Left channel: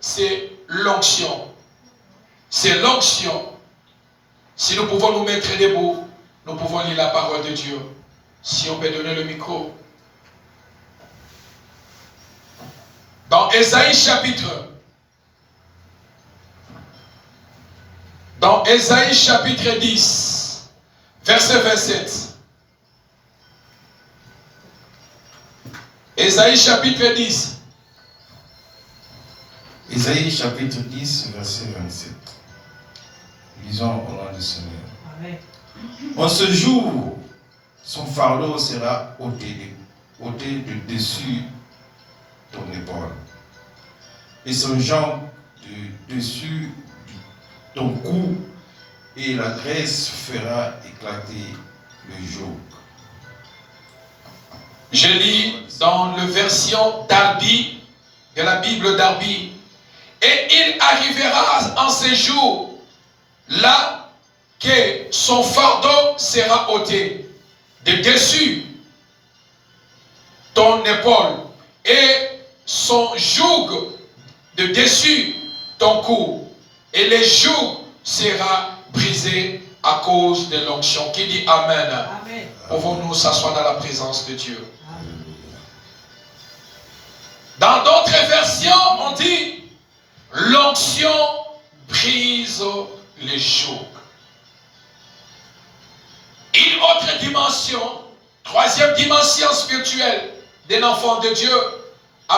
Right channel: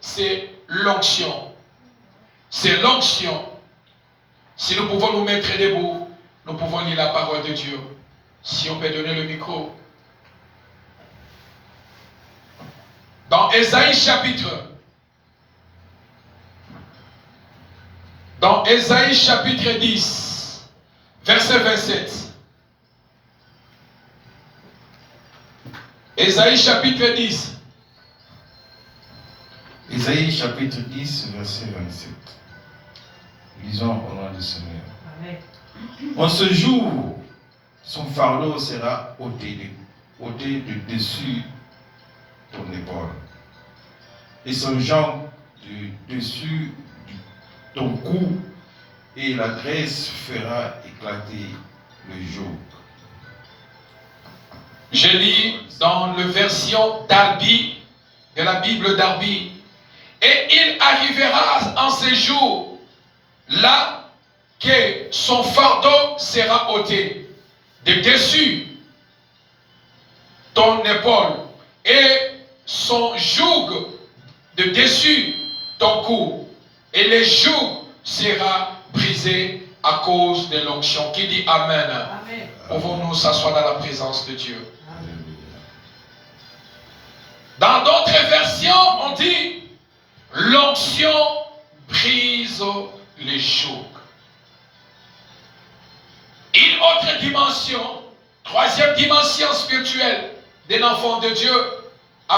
c'est l'onction. C'est l'onction. Si nous pouvons nous mettre debout, nous pouvons lire la parole de Dieu. Si on peut donner le micro. Dans Ésaïe chapitre 10, verset 27. Ésaïe chapitre 10. Ésaïe chapitre 10, verset 27. Lisons au nom du Seigneur. Amen. En ce jour, son fardeau sera ôté de dessus ton épaule, et son jambe de dessus ton cou, et la graisse fera éclater le joug. Je lis dans la version Darby, de la Bible Darby. Et il arrivera en ces jours là que son fardeau sera ôté de dessus ton épaule et son joug de dessus ton cou, et le joug sera brisé à cause de l'onction. Qui dit Amen? Amen. Pouvons-nous s'asseoir dans la présence de Dieu? Dans d'autres versions, on dit l'onction brise les jougs. Une autre dimension, troisième dimension spirituelle d'un enfant de Dieu,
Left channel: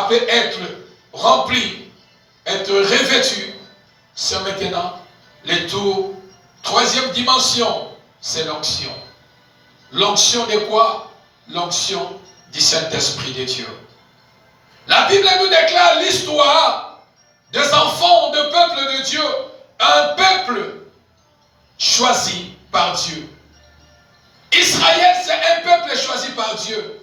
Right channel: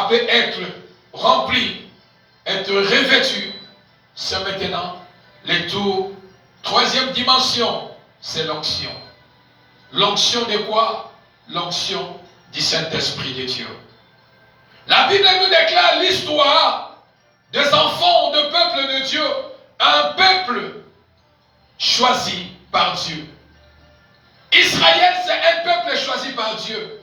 peut être rempli, être revêtu. C'est maintenant le tour. Troisième dimension, c'est l'onction. L'onction de quoi? L'onction du Saint-Esprit de Dieu. La Bible nous déclare l'histoire des enfants de peuple de Dieu, un peuple choisi par Dieu. Israël, c'est un peuple choisi par Dieu.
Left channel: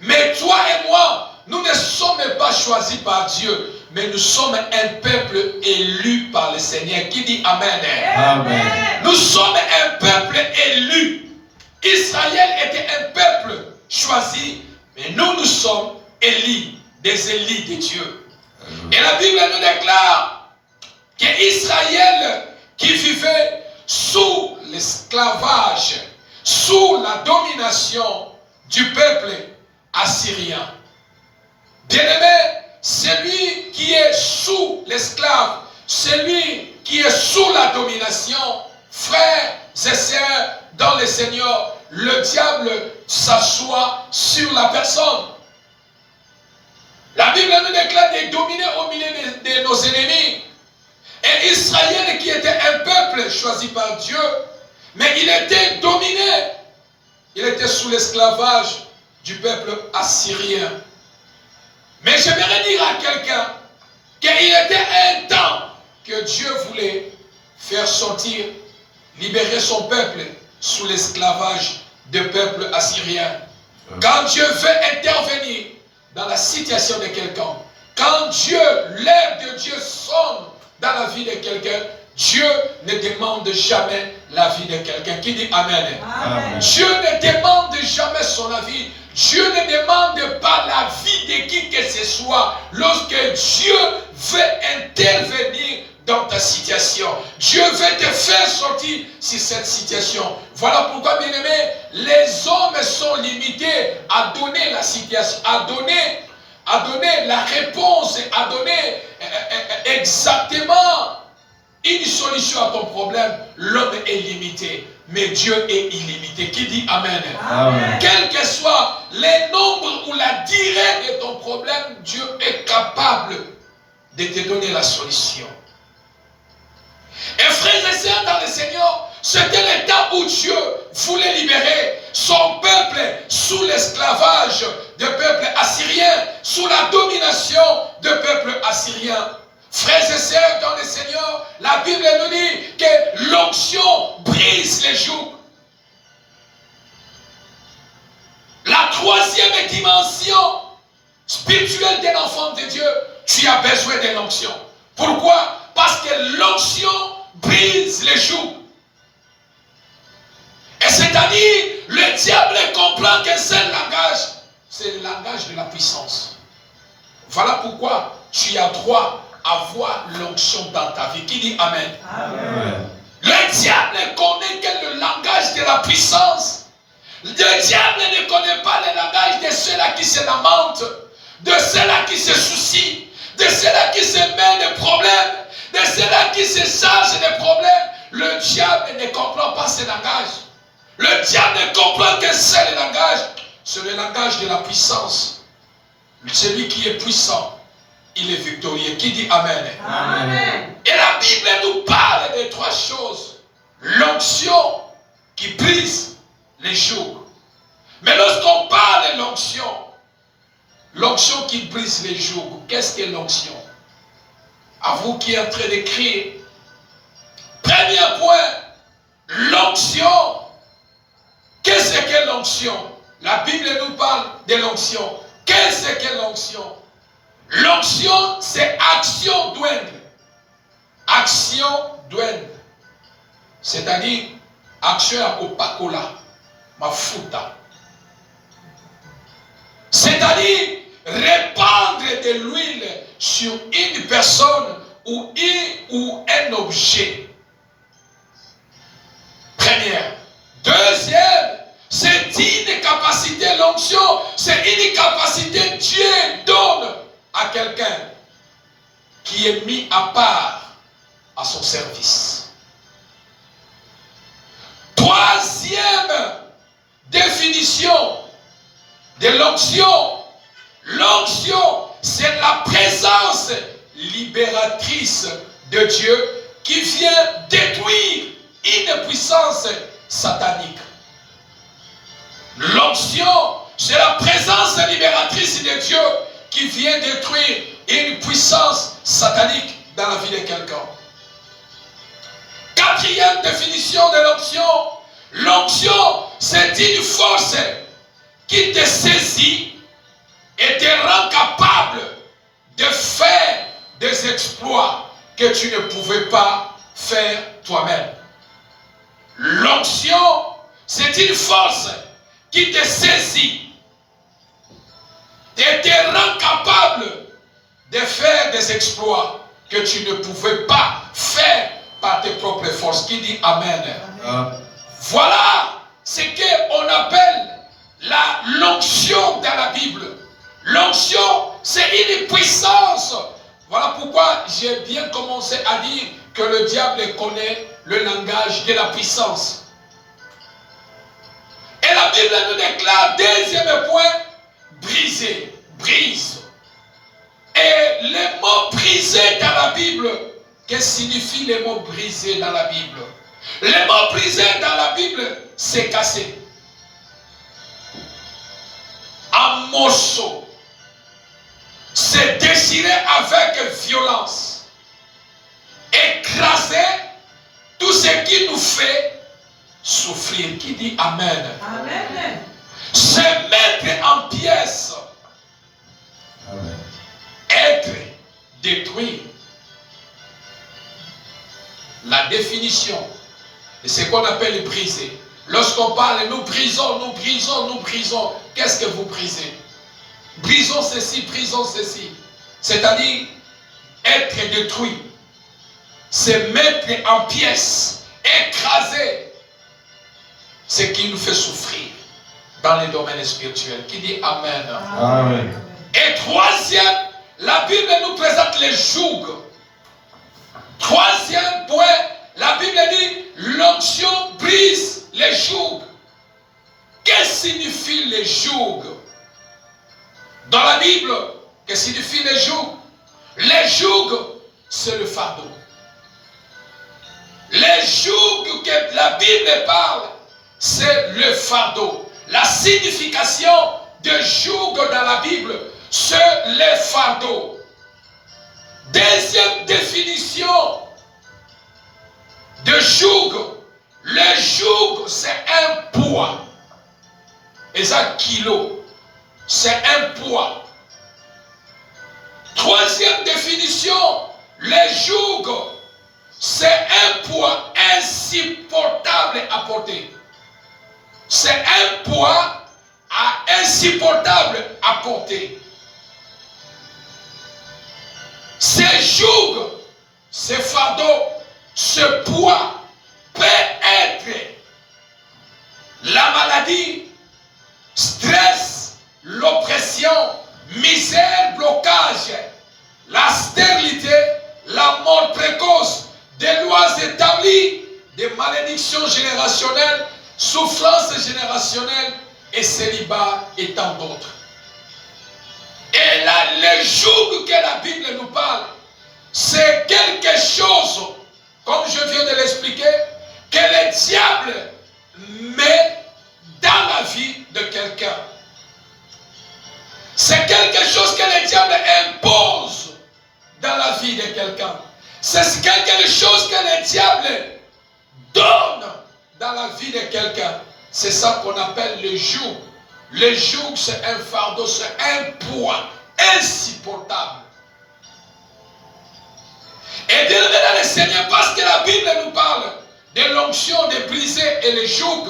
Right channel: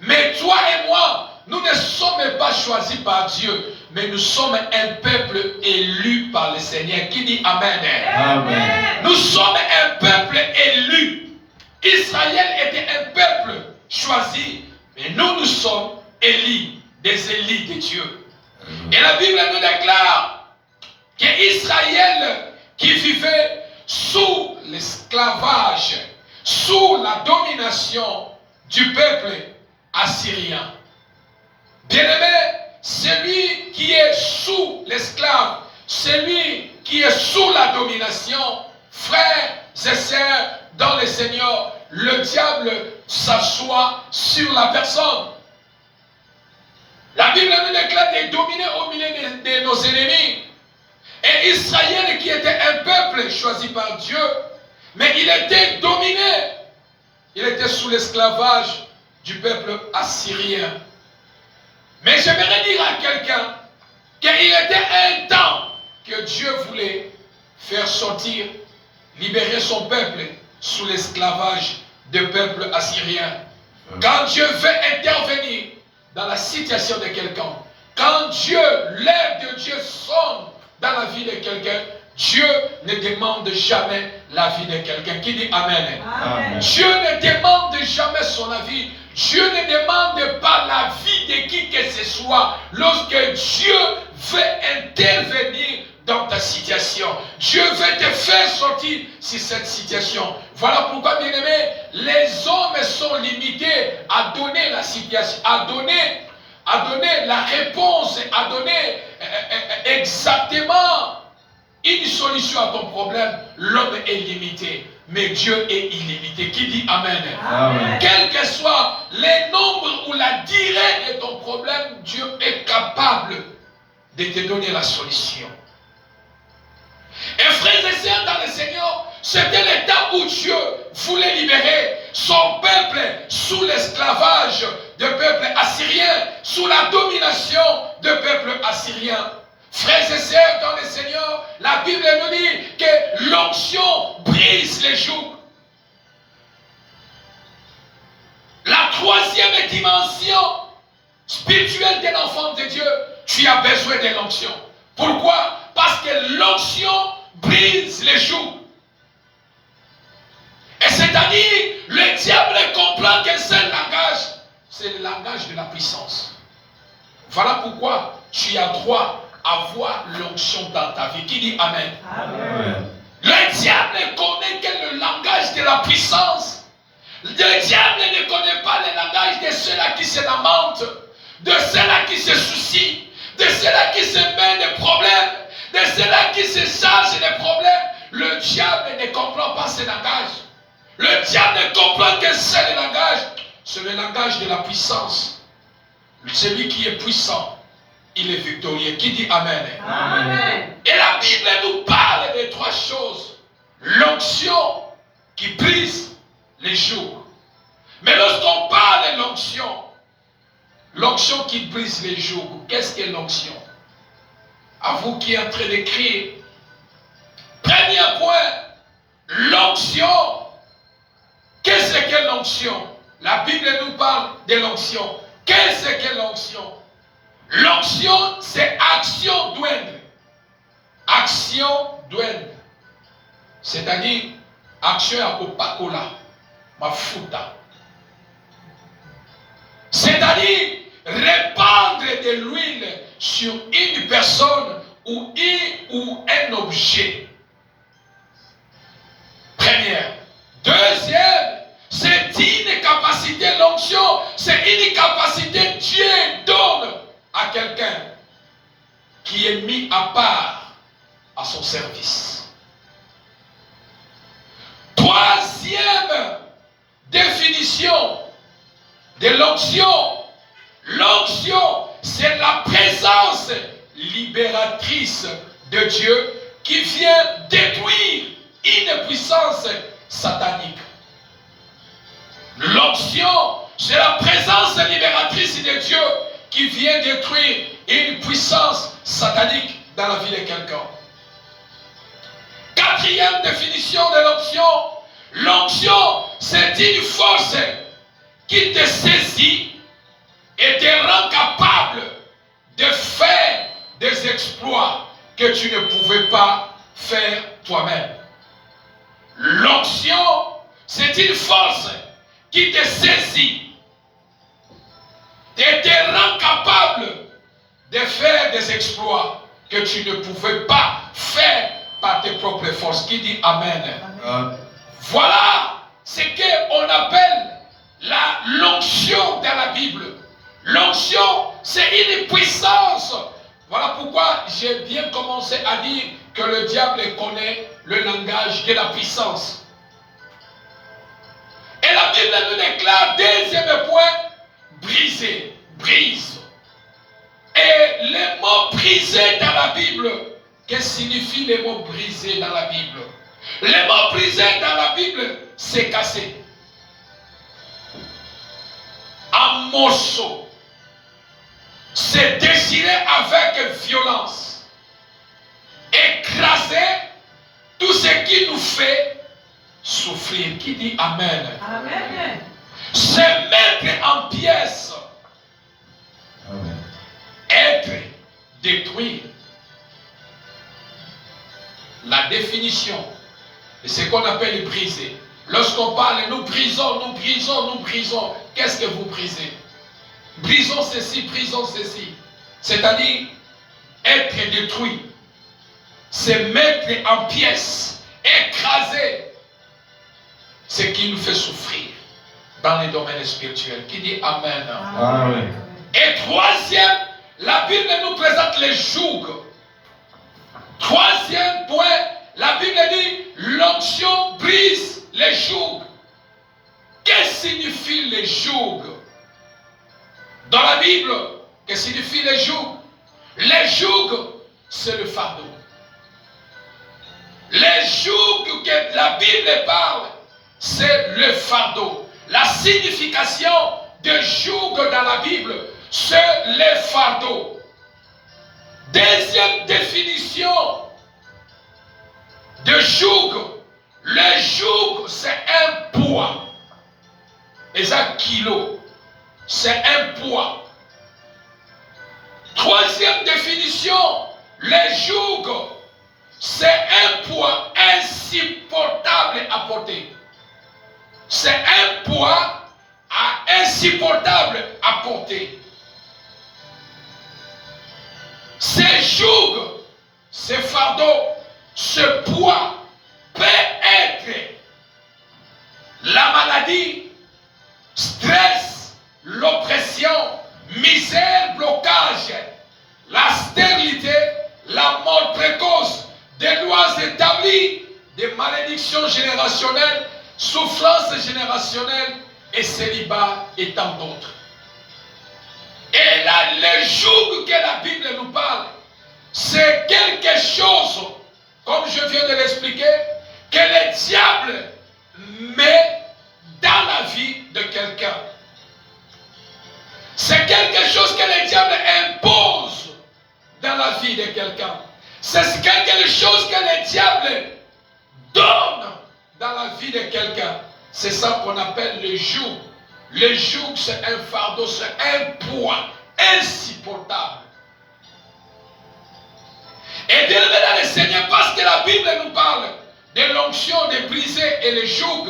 Mais toi et moi, nous ne sommes pas choisis par Dieu, mais nous sommes un peuple élu par le Seigneur. Qui dit Amen? Amen. Nous sommes un peuple élu. Israël était un peuple choisi, mais nous sommes élus, des élus de Dieu. Et la Bible nous déclare qu'Israël qui vivait sous l'esclavage, sous la domination du peuple assyrien. Bien-aimé, celui qui est sous l'esclave, celui qui est sous la domination, frères et sœurs dans le Seigneur, le diable s'assoit sur la personne. La Bible nous déclare de dominer au milieu de nos ennemis. Et Israël qui était un peuple choisi par Dieu, mais il était dominé. Il était sous l'esclavage du peuple assyrien. Mais j'aimerais dire à quelqu'un qu'il était un temps que Dieu voulait faire sortir, libérer son peuple sous l'esclavage du peuple assyrien. Quand Dieu veut intervenir dans la situation de quelqu'un, quand Dieu, l'air de Dieu sonne dans la vie de quelqu'un, Dieu ne demande jamais la vie de quelqu'un. Qui dit Amen? Amen. Dieu ne demande jamais son avis. Dieu ne demande pas la vie de qui que ce soit. Lorsque Dieu veut intervenir dans ta situation, Dieu veut te faire sortir sur cette situation. Voilà pourquoi, bien-aimés, les hommes sont limités à donner la situation, à donner la réponse, à donner exactement une solution à ton problème. L'homme est limité, mais Dieu est illimité. Qui dit Amen? Amen. Quel que soit les nombres ou la durée de ton problème, Dieu est capable de te donner la solution. Et frères et sœurs dans le Seigneur, c'était le temps où Dieu voulait libérer son peuple sous l'esclavage du peuple assyrien, sous la domination du peuple assyrien. Frères et sœurs dans le Seigneur, la Bible nous dit que l'onction brise les jougs. La troisième dimension spirituelle d'un enfant de Dieu, tu as besoin de l'onction. Pourquoi? Parce que l'onction brise les jougs. Et c'est-à-dire, le diable comprend qu'un seul langage, c'est le langage de la puissance. Voilà pourquoi tu as droit avoir l'onction dans ta vie. Qui dit Amen? Amen. Le diable ne connaît que le langage de la puissance. Le diable ne connaît pas le langage de ceux-là qui se lamentent, de ceux-là qui se soucient, de ceux-là qui se mettent des problèmes, de ceux-là qui se chargent des problèmes. Le diable ne comprend pas ce langage. Le diable ne comprend que c'est le langage de la puissance. Celui qui est puissant, il est victorieux. Qui dit Amen? Amen. Et la Bible nous parle de trois choses. L'onction qui brise les jours. Mais lorsqu'on parle de l'onction qui brise les jours, qu'est-ce que l'onction? À vous qui êtes en train d'écrire. Premier point, l'onction. Qu'est-ce que l'onction? La Bible nous parle de l'onction. Qu'est-ce que l'onction? L'onction, c'est action douane. Action douane. C'est-à-dire, action à Coca-Cola, mafuta. C'est-à-dire, répandre de l'huile sur une personne ou un objet. Première. Deuxième, c'est une capacité, l'onction, c'est une capacité que Dieu donne à quelqu'un qui est mis à part à son service. Troisième définition de l'onction. L'onction, c'est la présence libératrice de Dieu qui vient détruire une puissance satanique. L'onction, c'est la présence libératrice de Dieu qui vient détruire une puissance satanique dans la vie de quelqu'un. Quatrième définition de l'onction. L'onction, c'est une force qui te saisit et te rend capable de faire des exploits que tu ne pouvais pas faire toi-même. L'onction, c'est une force qui te saisit et te rend capable de faire des exploits que tu ne pouvais pas faire par tes propres forces. Qui dit Amen? Amen. Voilà ce qu'on appelle l'onction dans la Bible. L'onction, c'est une puissance. Voilà pourquoi j'ai bien commencé à dire que le diable connaît le langage de la puissance. Et la Bible nous déclare, deuxième point, briser, brise. Et les mots brisés dans la Bible, qu'est-ce que signifie les mots brisés dans la Bible? Les mots brisés dans la Bible, c'est casser. Un morceau, c'est déchiré avec violence. Écraser tout ce qui nous fait souffrir. Qui dit Amen? Amen. Se mettre en pièces. Amen. Être détruit. La définition de ce qu'on appelle briser. Lorsqu'on parle, nous brisons, nous brisons, nous brisons. Qu'est-ce que vous brisez? Brisons ceci, brisons ceci. C'est-à-dire être détruit. Se mettre en pièces. Écraser ce qui nous fait souffrir dans les domaines spirituels. Qui dit Amen? Amen. Et troisième, la Bible nous présente les jougs. Troisième point, la Bible dit l'onction brise les jougs. Qu'est-ce que signifie les jougs? Dans la Bible, qu'est-ce que signifie les jougs? Les jougs, c'est le fardeau. Les jougs que la Bible parle, c'est le fardeau. La signification de joug dans la Bible, c'est le fardeau. Deuxième définition de joug. Le joug, c'est un poids. Et ça, kilo. C'est un poids. Troisième définition, le joug, c'est un poids insupportable à porter. C'est un poids insupportable à porter. ces joug, ce fardeau, ce poids peut être la maladie, stress, l'oppression, misère, blocage, la stérilité, la mort précoce, des lois établies, des malédictions générationnelles, souffrances générationnelles et célibat et tant d'autres. Et là, le joug que la Bible nous parle, c'est quelque chose, comme je viens de l'expliquer, que le diable met dans la vie de quelqu'un. C'est quelque chose que le diable impose dans la vie de quelqu'un. C'est quelque chose que le diable donne dans la vie de quelqu'un. C'est ça qu'on appelle le joug. Le joug, c'est un fardeau, c'est un poids insupportable. Et bien aimé dans le Seigneur, parce que la Bible nous parle de l'onction de briser et le joug.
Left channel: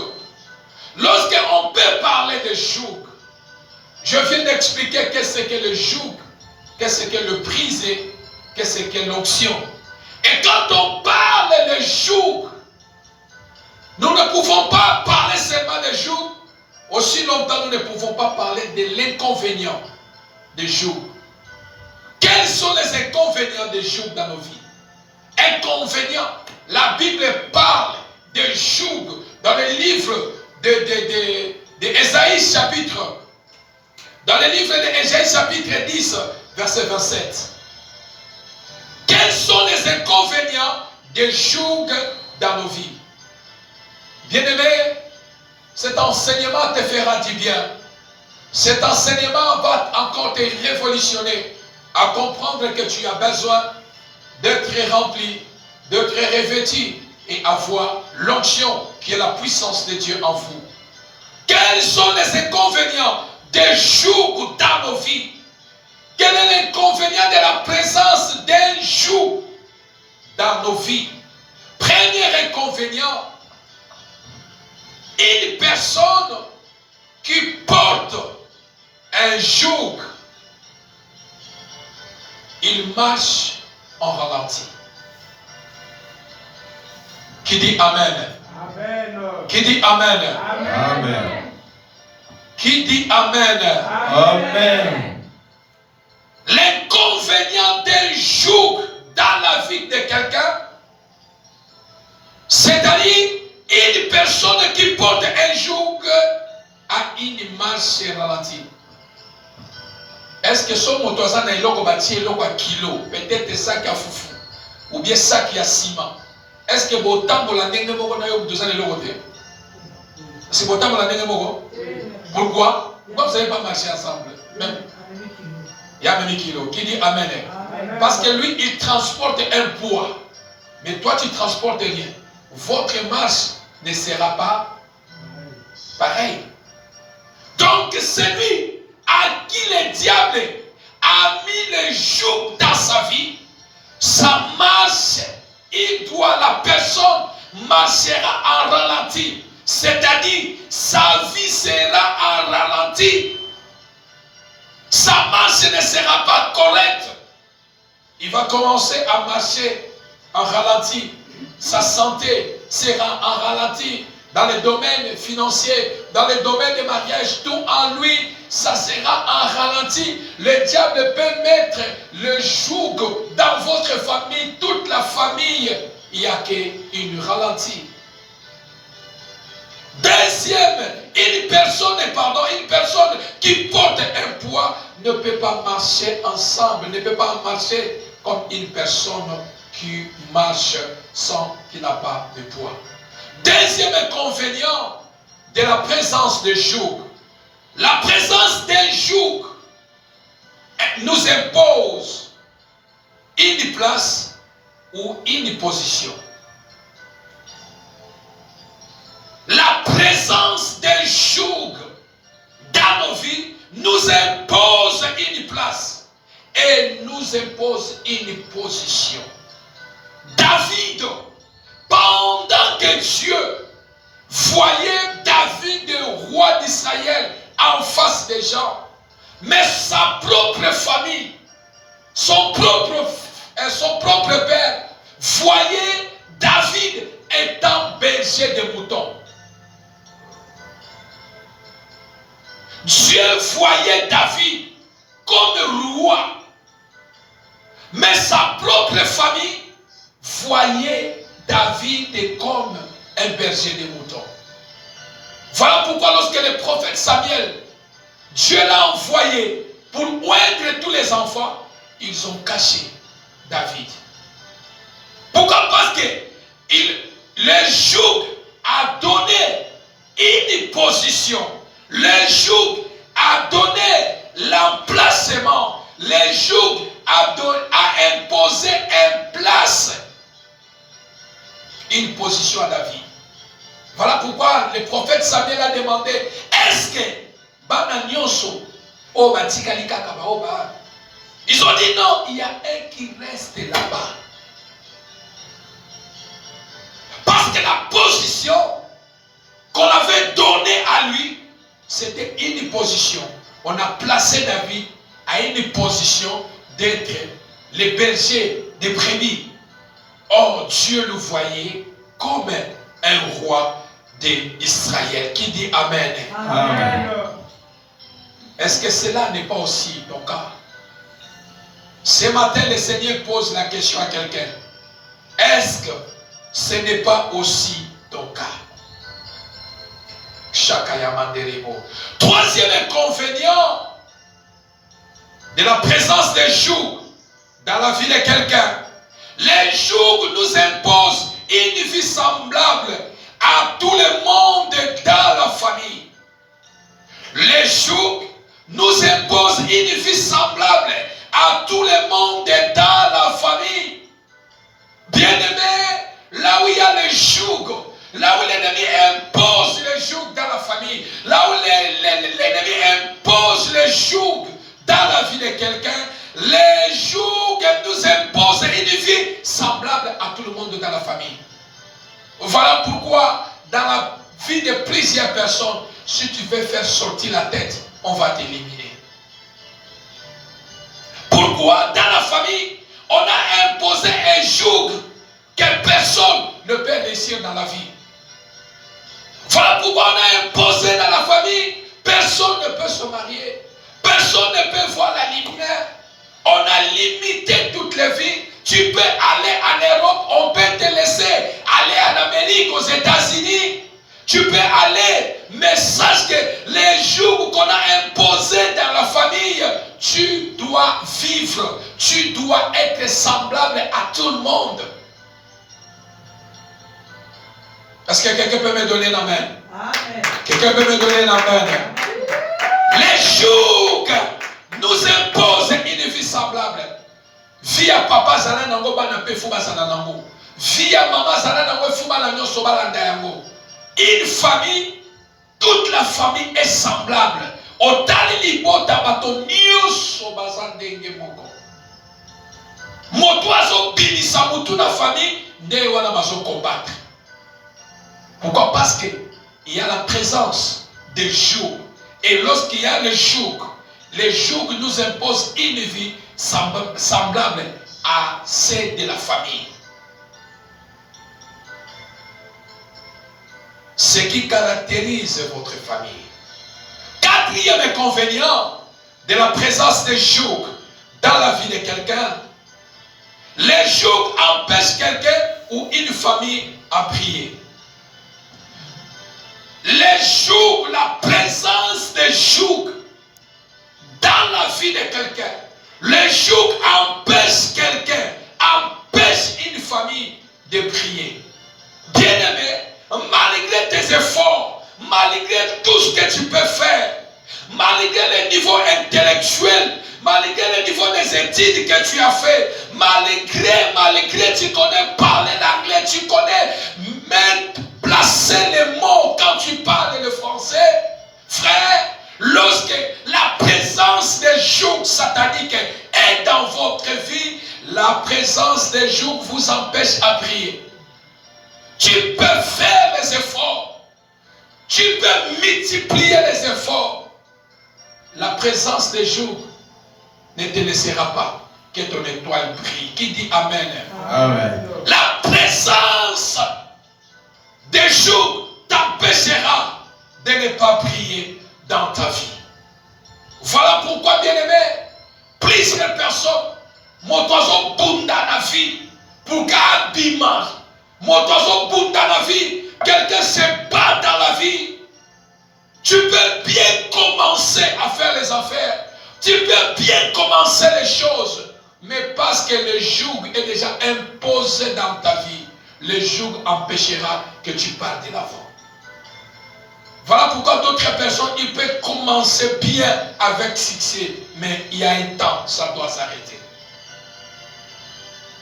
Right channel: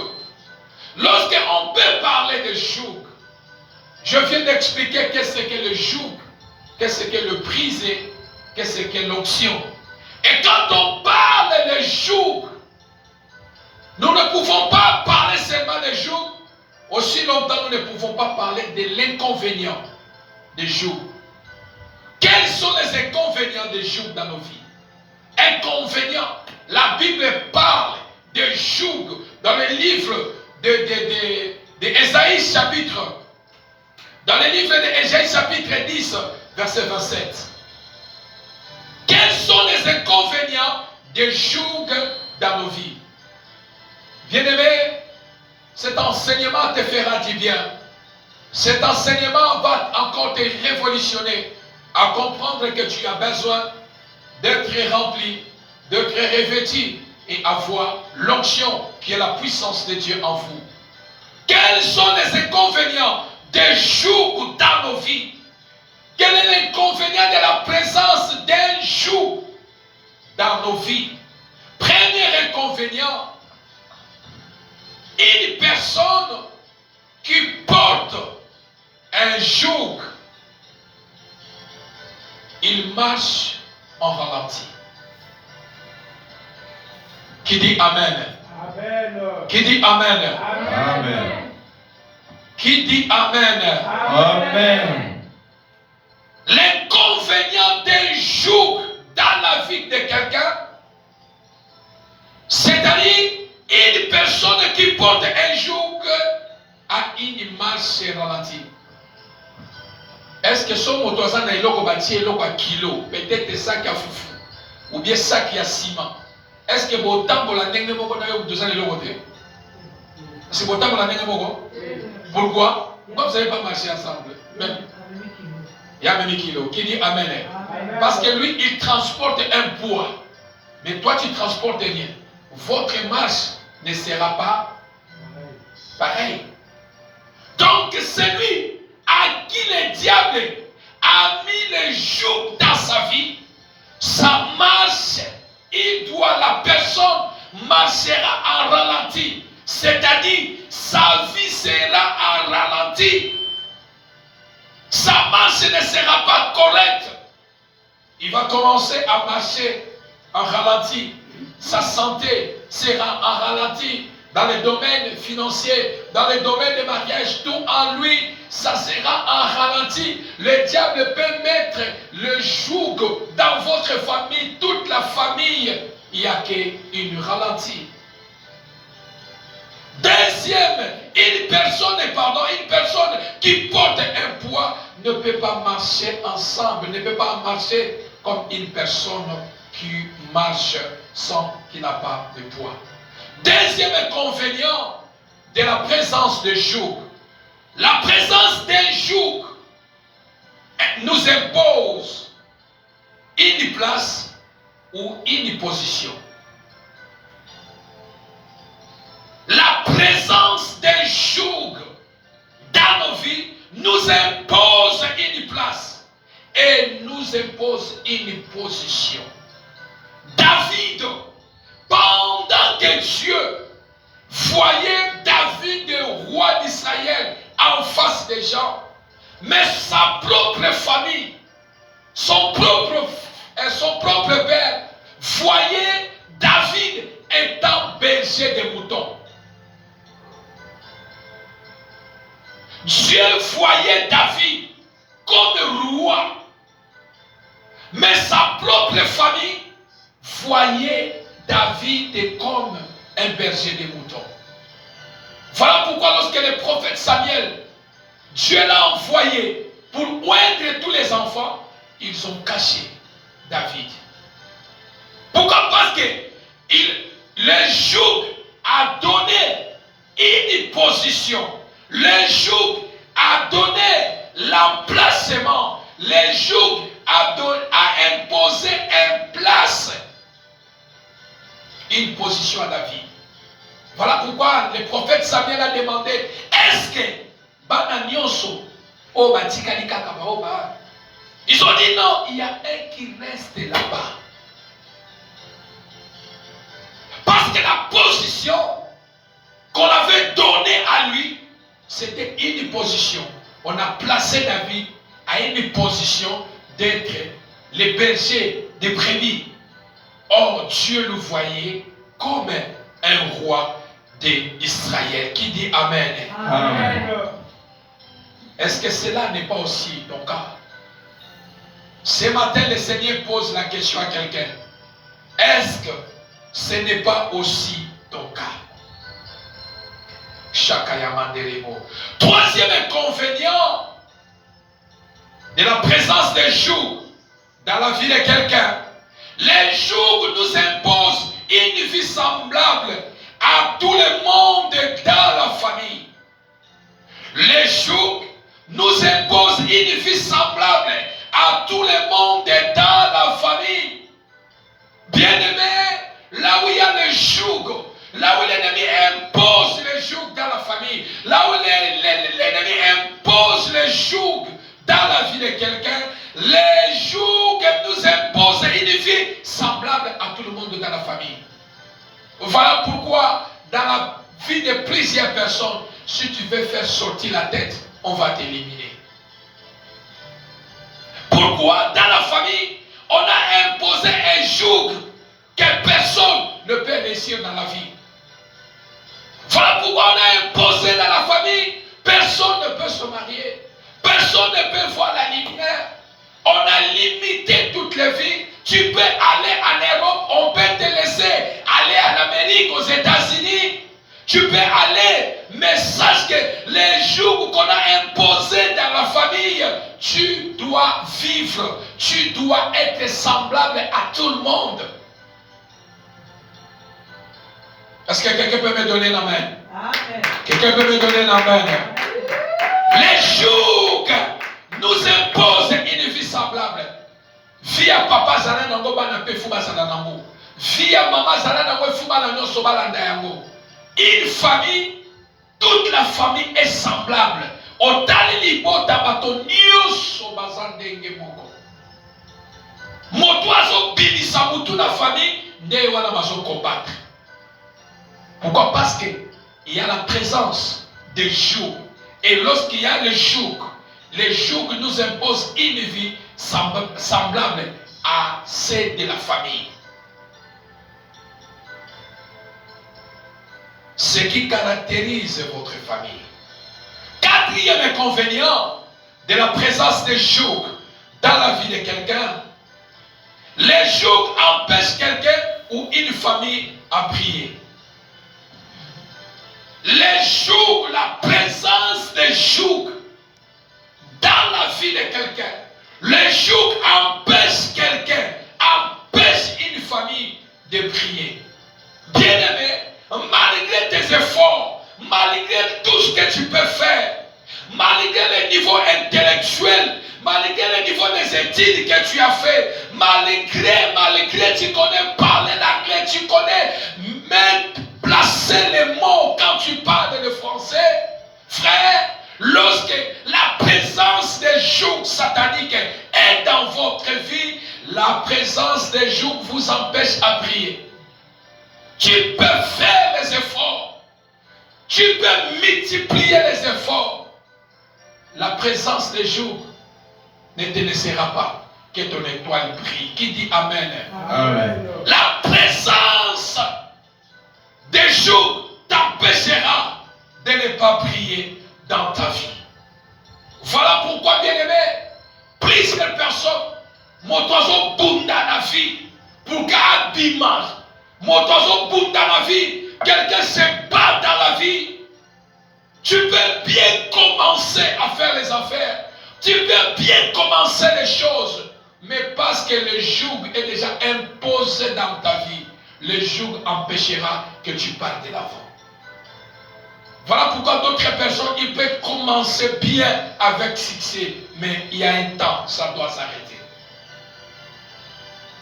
Lorsqu'on peut parler de joug, je viens d'expliquer qu'est-ce que le joug, qu'est-ce que le briser, qu'est-ce que l'onction. Et quand on parle de joug, nous ne pouvons pas parler seulement de joug. Aussi longtemps, nous ne pouvons pas parler de l'inconvénient des joug. Quels sont les inconvénients des joug dans nos vies? Inconvénients. La Bible parle de joug dans le livre d'Ésaïe chapitre. Dans le livre d'Ésaïe chapitre 10, verset 27. Quels sont les inconvénients des joug dans nos vies? Bien-aimé, cet enseignement te fera du bien. Cet enseignement va encore te révolutionner à comprendre que tu as besoin d'être rempli, d'être revêtu et avoir l'onction qui est la puissance de Dieu en vous. Quels sont les inconvénients des joug dans nos vies? Quel est l'inconvénient de la présence d'un joug dans nos vies? Premier inconvénient, une personne qui porte un joug, il marche en ralenti. Qui dit Amen? Amen. Qui dit Amen? Amen. Qui dit Amen? Amen. L'inconvénient d'un joug dans la vie de quelqu'un, c'est-à-dire une personne qui porte un joug a une marche ralentie. Est-ce que son motosan a iloko bâti iloko à kilo, peut-être ça qui a foufou, ou bien ça qui a ciment? Est-ce que autant pour la dengue moko na yo motosan iloko te? C'est autant pour la dengue moko? Pourquoi? Pourquoi vous n'avez pas marché ensemble? Même. Il y a même kilo. Qui dit Amen? Amen. Parce que lui, il transporte un poids. Mais toi, tu transportes rien. Votre marche ne sera pas pareille. Donc, celui à qui le diable a mis le joug dans sa vie, sa marche, la personne marchera en ralenti. C'est-à-dire, sa vie sera en ralenti. Sa marche ne sera pas correcte. Il va commencer à marcher en ralenti. Sa santé sera en ralenti. Dans le domaine financier, dans le domaine du mariage, tout en lui, ça sera en ralenti. Le diable peut mettre le joug dans votre famille, toute la famille. Il n'y a qu'une ralentie. Deuxième, une personne qui porte un poids ne peut pas marcher ensemble, ne peut pas marcher comme une personne qui marche qui n'a pas de poids. Deuxième inconvénient de la présence de joug. La présence d'un joug nous impose une place ou une position. La présence d'un joug dans nos vies nous impose une place et nous impose une position. David, pendant que Dieu voyait David, le roi d'Israël, en face des gens, mais sa propre famille, son propre son propre père voyait David étant berger de moutons. Dieu voyait David comme roi, mais sa propre famille voyait David comme un berger de moutons. Voilà pourquoi lorsque le prophète Samuel, Dieu l'a envoyé pour oindre tous les enfants, ils ont caché David. Pourquoi? Parce que le joug a donné une position. Le joug a donné l'emplacement. Le joug a imposé une place, une position à David. Voilà pourquoi le prophète Samuel a demandé, est-ce que Bana Nyonso, ils ont dit non, il y a un qui reste là-bas. Parce que la position qu'on avait donnée à lui, c'était une position. On a placé David à une position d'être le berger des brebis. Or, Dieu le voyait comme un roi d'Israël. Qui dit Amen? Amen. Est-ce que cela n'est pas aussi ton cas? Ce matin, le Seigneur pose la question à quelqu'un. Est-ce que ce n'est pas aussi ton cas? Troisième inconvénient de la présence des jougs dans la vie de quelqu'un. Les jougs nous imposent une vie semblable à tout le monde dans la famille. Les jougs nous imposent une vie semblable à tout le monde dans la famille. Bien-aimé, là où il y a les jougs, là où l'ennemi impose les jougs dans la famille, là où l'ennemi impose les jougs dans la vie de quelqu'un, les jougs nous imposent une vie semblable à tout le monde dans la famille. Voilà pourquoi dans la vie de plusieurs personnes, si tu veux faire sortir la tête, on va t'éliminer. Pourquoi dans la famille, on a imposé un joug que personne ne peut réussir dans la vie. Voilà pourquoi on a imposé dans la famille, personne ne peut se marier, personne ne peut voir la lumière. On a limité toutes les vies. Tu peux aller en Europe, on peut te laisser aller en Amérique, aux États-Unis. Tu peux aller, mais sache que les jours qu'on a imposés dans la famille, tu dois vivre, tu dois être semblable à tout le monde. Est-ce que quelqu'un peut me donner l'amen? Quelqu'un peut me donner l'amen? Les jours nous imposent une vie semblable. Via papa zana nango bana pe fuba zana nango. Via maman zana nango fuba la nyoso balanda yango. Une famille, toute la famille est semblable. Otali libota bato nyoso bazandenge moko. Moto azo bilisa mutu na famille nde wana mazo combattre. Pourquoi? Parce que il y a la présence des jours. Et lorsqu'il y a les jours nous imposent une vie semblable à celle de la famille. Ce qui caractérise votre famille. Quatrième inconvénient de la présence des jours dans la vie de quelqu'un. Les jours empêchent quelqu'un ou une famille à prier. Les jours, la présence des jours dans la vie de quelqu'un. Les jours empêchent quelqu'un, empêchent une famille de prier. Bien-aimé, malgré tes efforts, malgré tout ce que tu peux faire, malgré le niveau intellectuel, malgré le niveau des études que tu as fait, malgré tu connais parler l'anglais, tu connais même placer les mots quand tu parles le français, frère, lorsque la présence des jougs sataniques est dans votre vie, la présence des jougs vous empêche à prier. Tu peux faire les efforts, tu peux multiplier les efforts. La présence des jougs ne te laissera pas. que ton étoile brille. Qui dit Amen? Amen. La présence des jours t'empêchera de ne pas briller dans ta vie. Voilà pourquoi, bien-aimé, plusieurs personnes, motozo bunda na vie, pour qu'un bimage, motozo bunda na vie, quelqu'un se bat dans la vie. Tu peux bien commencer à faire les affaires, tu peux bien commencer les choses, mais parce que le joug est déjà imposé dans ta vie, le joug empêchera que tu partes de l'avant. Voilà pourquoi d'autres personnes, ils peuvent commencer bien avec succès, mais il y a un temps, ça doit s'arrêter.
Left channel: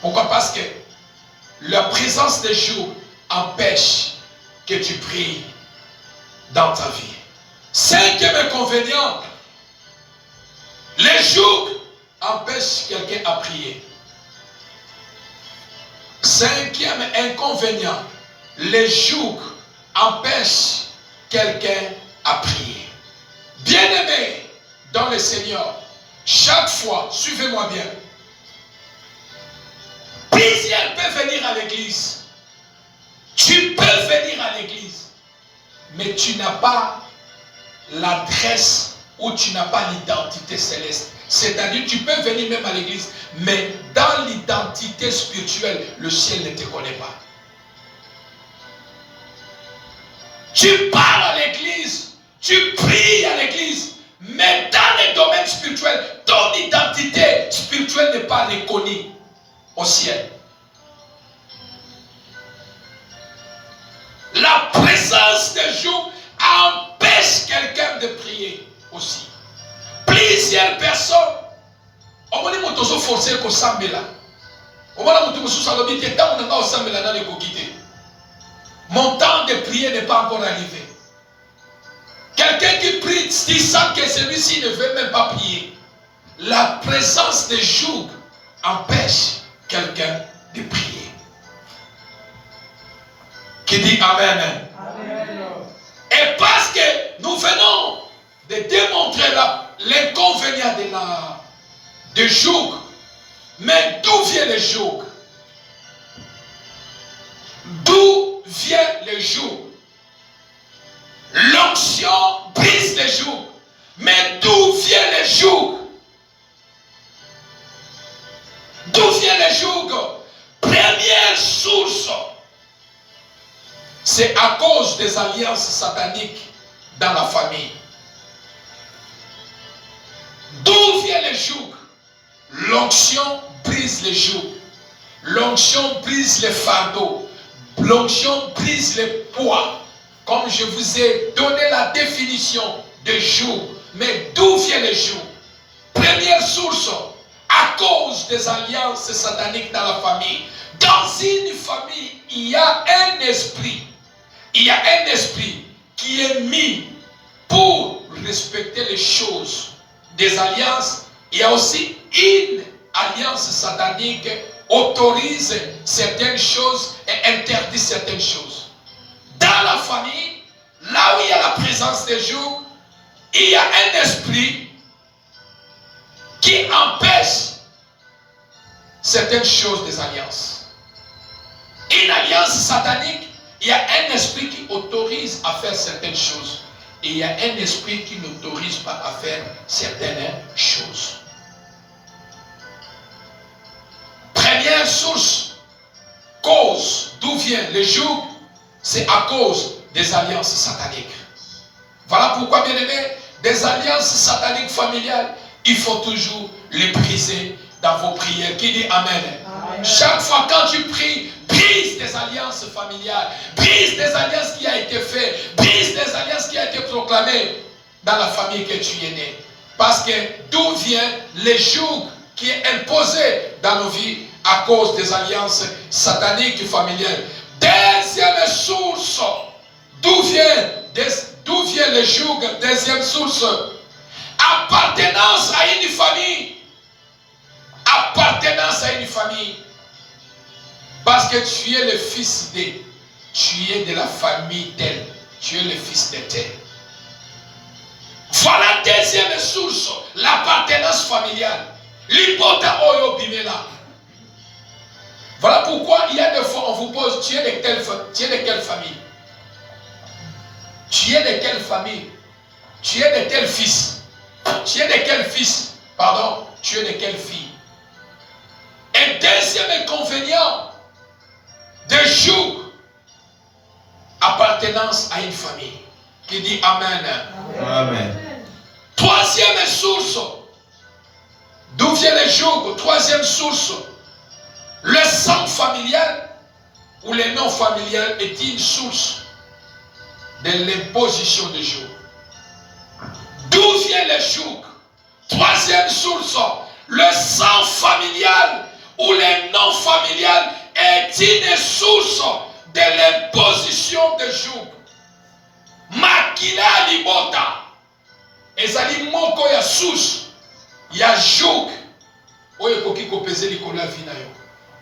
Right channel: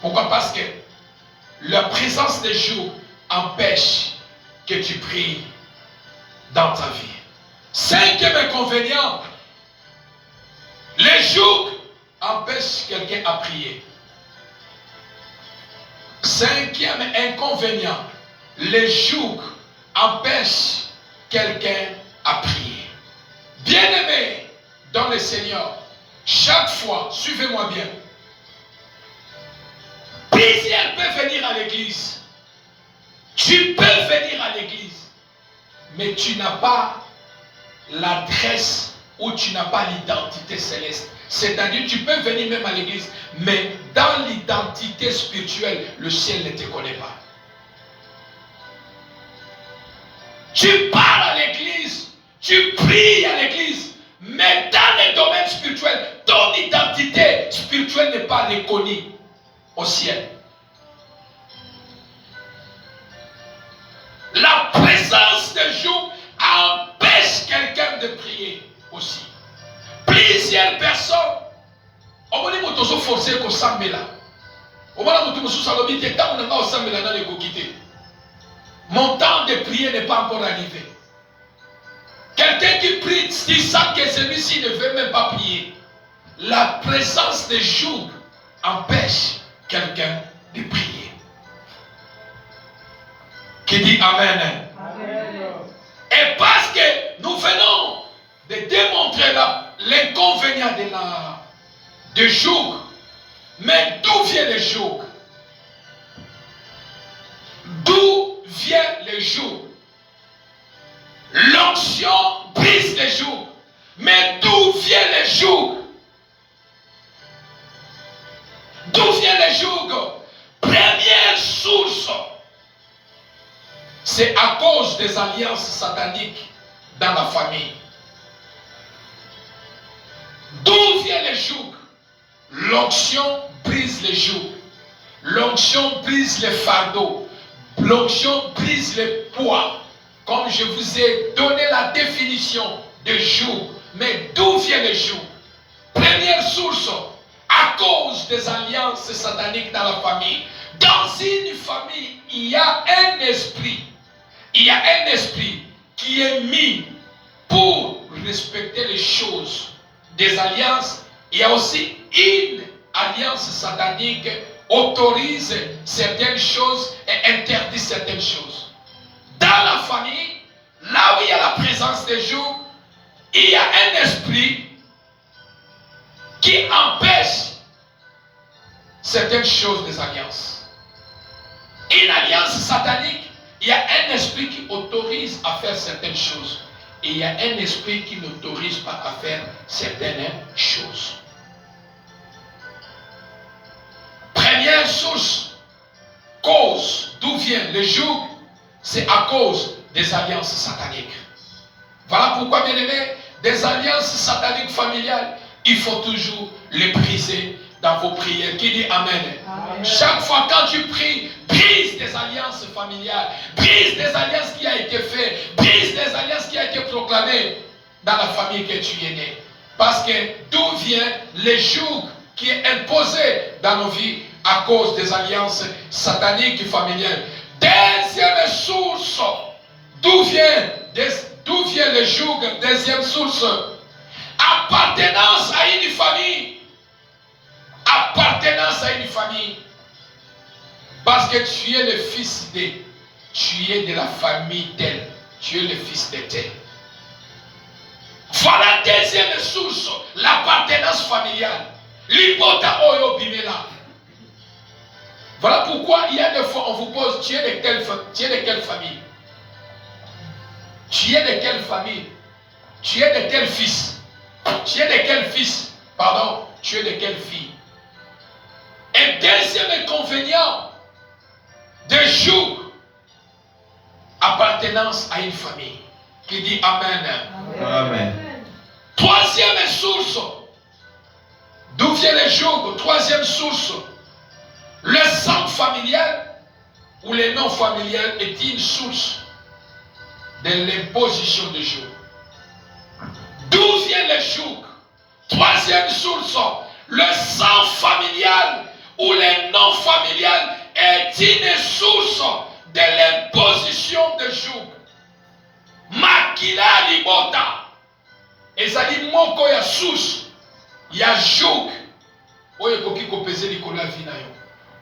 Pourquoi? Parce que la présence des jours empêche que tu pries dans ta vie. Cinquième inconvénient, les jours empêchent quelqu'un à prier. Cinquième inconvénient, les jours empêchent quelqu'un à prier. Bien-aimé dans le Seigneur, chaque fois, suivez-moi bien, plusieurs peuvent venir à l'église. Tu peux venir à l'église, mais tu n'as pas l'adresse ou tu n'as pas l'identité céleste. C'est-à-dire, tu peux venir même à l'église, mais dans l'identité spirituelle, le ciel ne te connaît pas. Tu pars à l'église, tu pries à l'église, mais dans le domaine spirituel, ton identité spirituelle n'est pas reconnue au ciel. La présence de Dieu empêche quelqu'un de prier aussi. Plusieurs personnes, on m'a dit que tu es forcé pour s'embêler. On m'a dit que tu es forcé pour s'embêler. Mon temps de prier n'est pas encore arrivé. Quelqu'un qui prie, il sent que celui-ci ne veut même pas prier. La présence de Dieu empêche quelqu'un de prier. Qui dit Amen? Amen. Et parce que nous venons de démontrer l'inconvénient de joug. Mais d'où vient le joug? D'où vient le joug? L'onction brise le joug. Mais d'où vient le joug? D'où vient le joug? Première source, c'est à cause des alliances sataniques dans la famille. D'où vient le joug? L'onction brise le joug. L'onction brise les fardeaux. L'onction brise les poids. Comme je vous ai donné la définition de joug. Mais d'où vient le joug? Première source, à cause des alliances sataniques dans la famille. Dans une famille, il y a un esprit. Il y a un esprit qui est mis pour respecter les choses des alliances. Il y a aussi une alliance satanique autorise certaines choses et interdit certaines choses. Dans la famille, là où il y a la présence des jours, il y a un esprit qui empêche certaines choses des alliances. Une alliance satanique, il y a un esprit qui autorise à faire certaines choses. Et il y a un esprit qui n'autorise pas à faire certaines choses. Première source, cause, d'où vient le joug, c'est à cause des alliances sataniques. Voilà pourquoi, bien aimé, des alliances sataniques familiales, il faut toujours les briser dans vos prières. Qui dit Amen? Amen. Chaque fois quand tu pries, brise des alliances familiales, brise des alliances qui ont été faites, brise des alliances qui ont été proclamées dans la famille que tu es né. Parce que d'où vient le joug qui est imposé dans nos vies à cause des alliances sataniques familiales. Deuxième source, d'où vient le joug? Deuxième source, appartenance à une famille. Appartenance à une famille. Parce que tu es le fils de, tu es de la famille d'elle, tu es le fils de tel. Voilà deuxième source, l'appartenance familiale. Libota oyo bimela. Voilà pourquoi il y a des fois on vous pose, tu es de quelle famille? Tu es de quelle famille? Tu es de quel fils? Tu es de quel fils? Pardon, tu es de quelle fille? Et deuxième inconvénient de jour appartenance à une famille. Qui dit Amen. Amen. Troisième source. D'où vient le joug? Troisième source. Le sang familial ou le non familial est une source de l'imposition de joug. D'où vient le joug? Troisième source. Le sang familial ou le non familial est une source de l'imposition de joug. Makila libota. Ezali moko ya source ya joug. Oye koki kopese likolo ya vie na yo.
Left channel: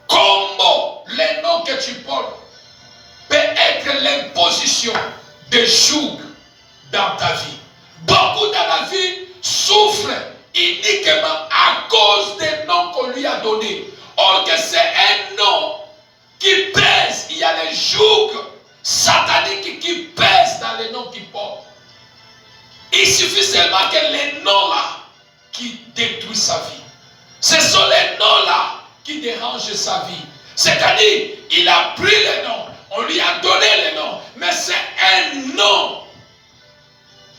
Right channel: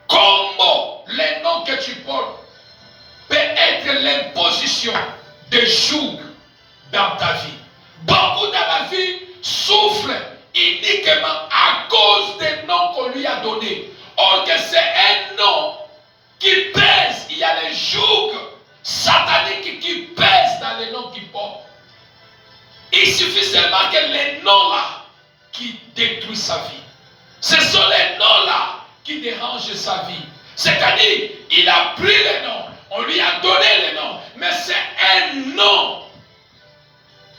Comment les noms que tu portes peut être l'imposition de joug dans ta vie. Beaucoup dans la vie souffrent uniquement à cause des noms qu'on lui a donnés. Or que c'est un nom qui pèse. Il y a les jougs sataniques qui pèsent dans les noms qu'il porte. Il suffit seulement que les noms-là qui détruisent sa vie. Ce sont les noms-là qui dérangent sa vie. C'est-à-dire, il a pris les noms, on lui a donné les noms, mais c'est un nom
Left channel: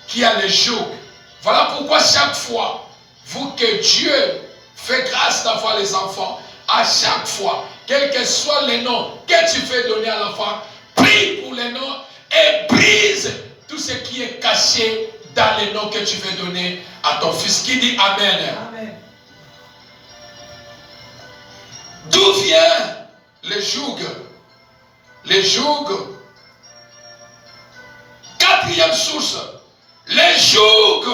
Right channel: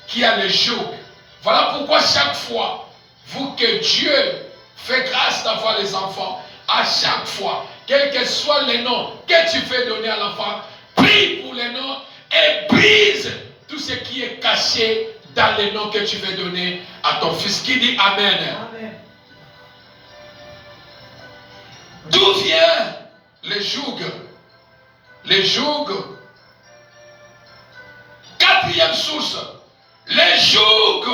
qui a le joug. Voilà pourquoi chaque fois, vous que Dieu fait grâce d'avoir les enfants, à chaque fois, quel que soit le nom que tu fais donner à l'enfant, prie pour les noms et brise tout ce qui est caché dans les noms que tu veux donner à ton fils. Qui dit Amen. Amen. D'où vient le joug? Le joug. Quatrième source. Le joug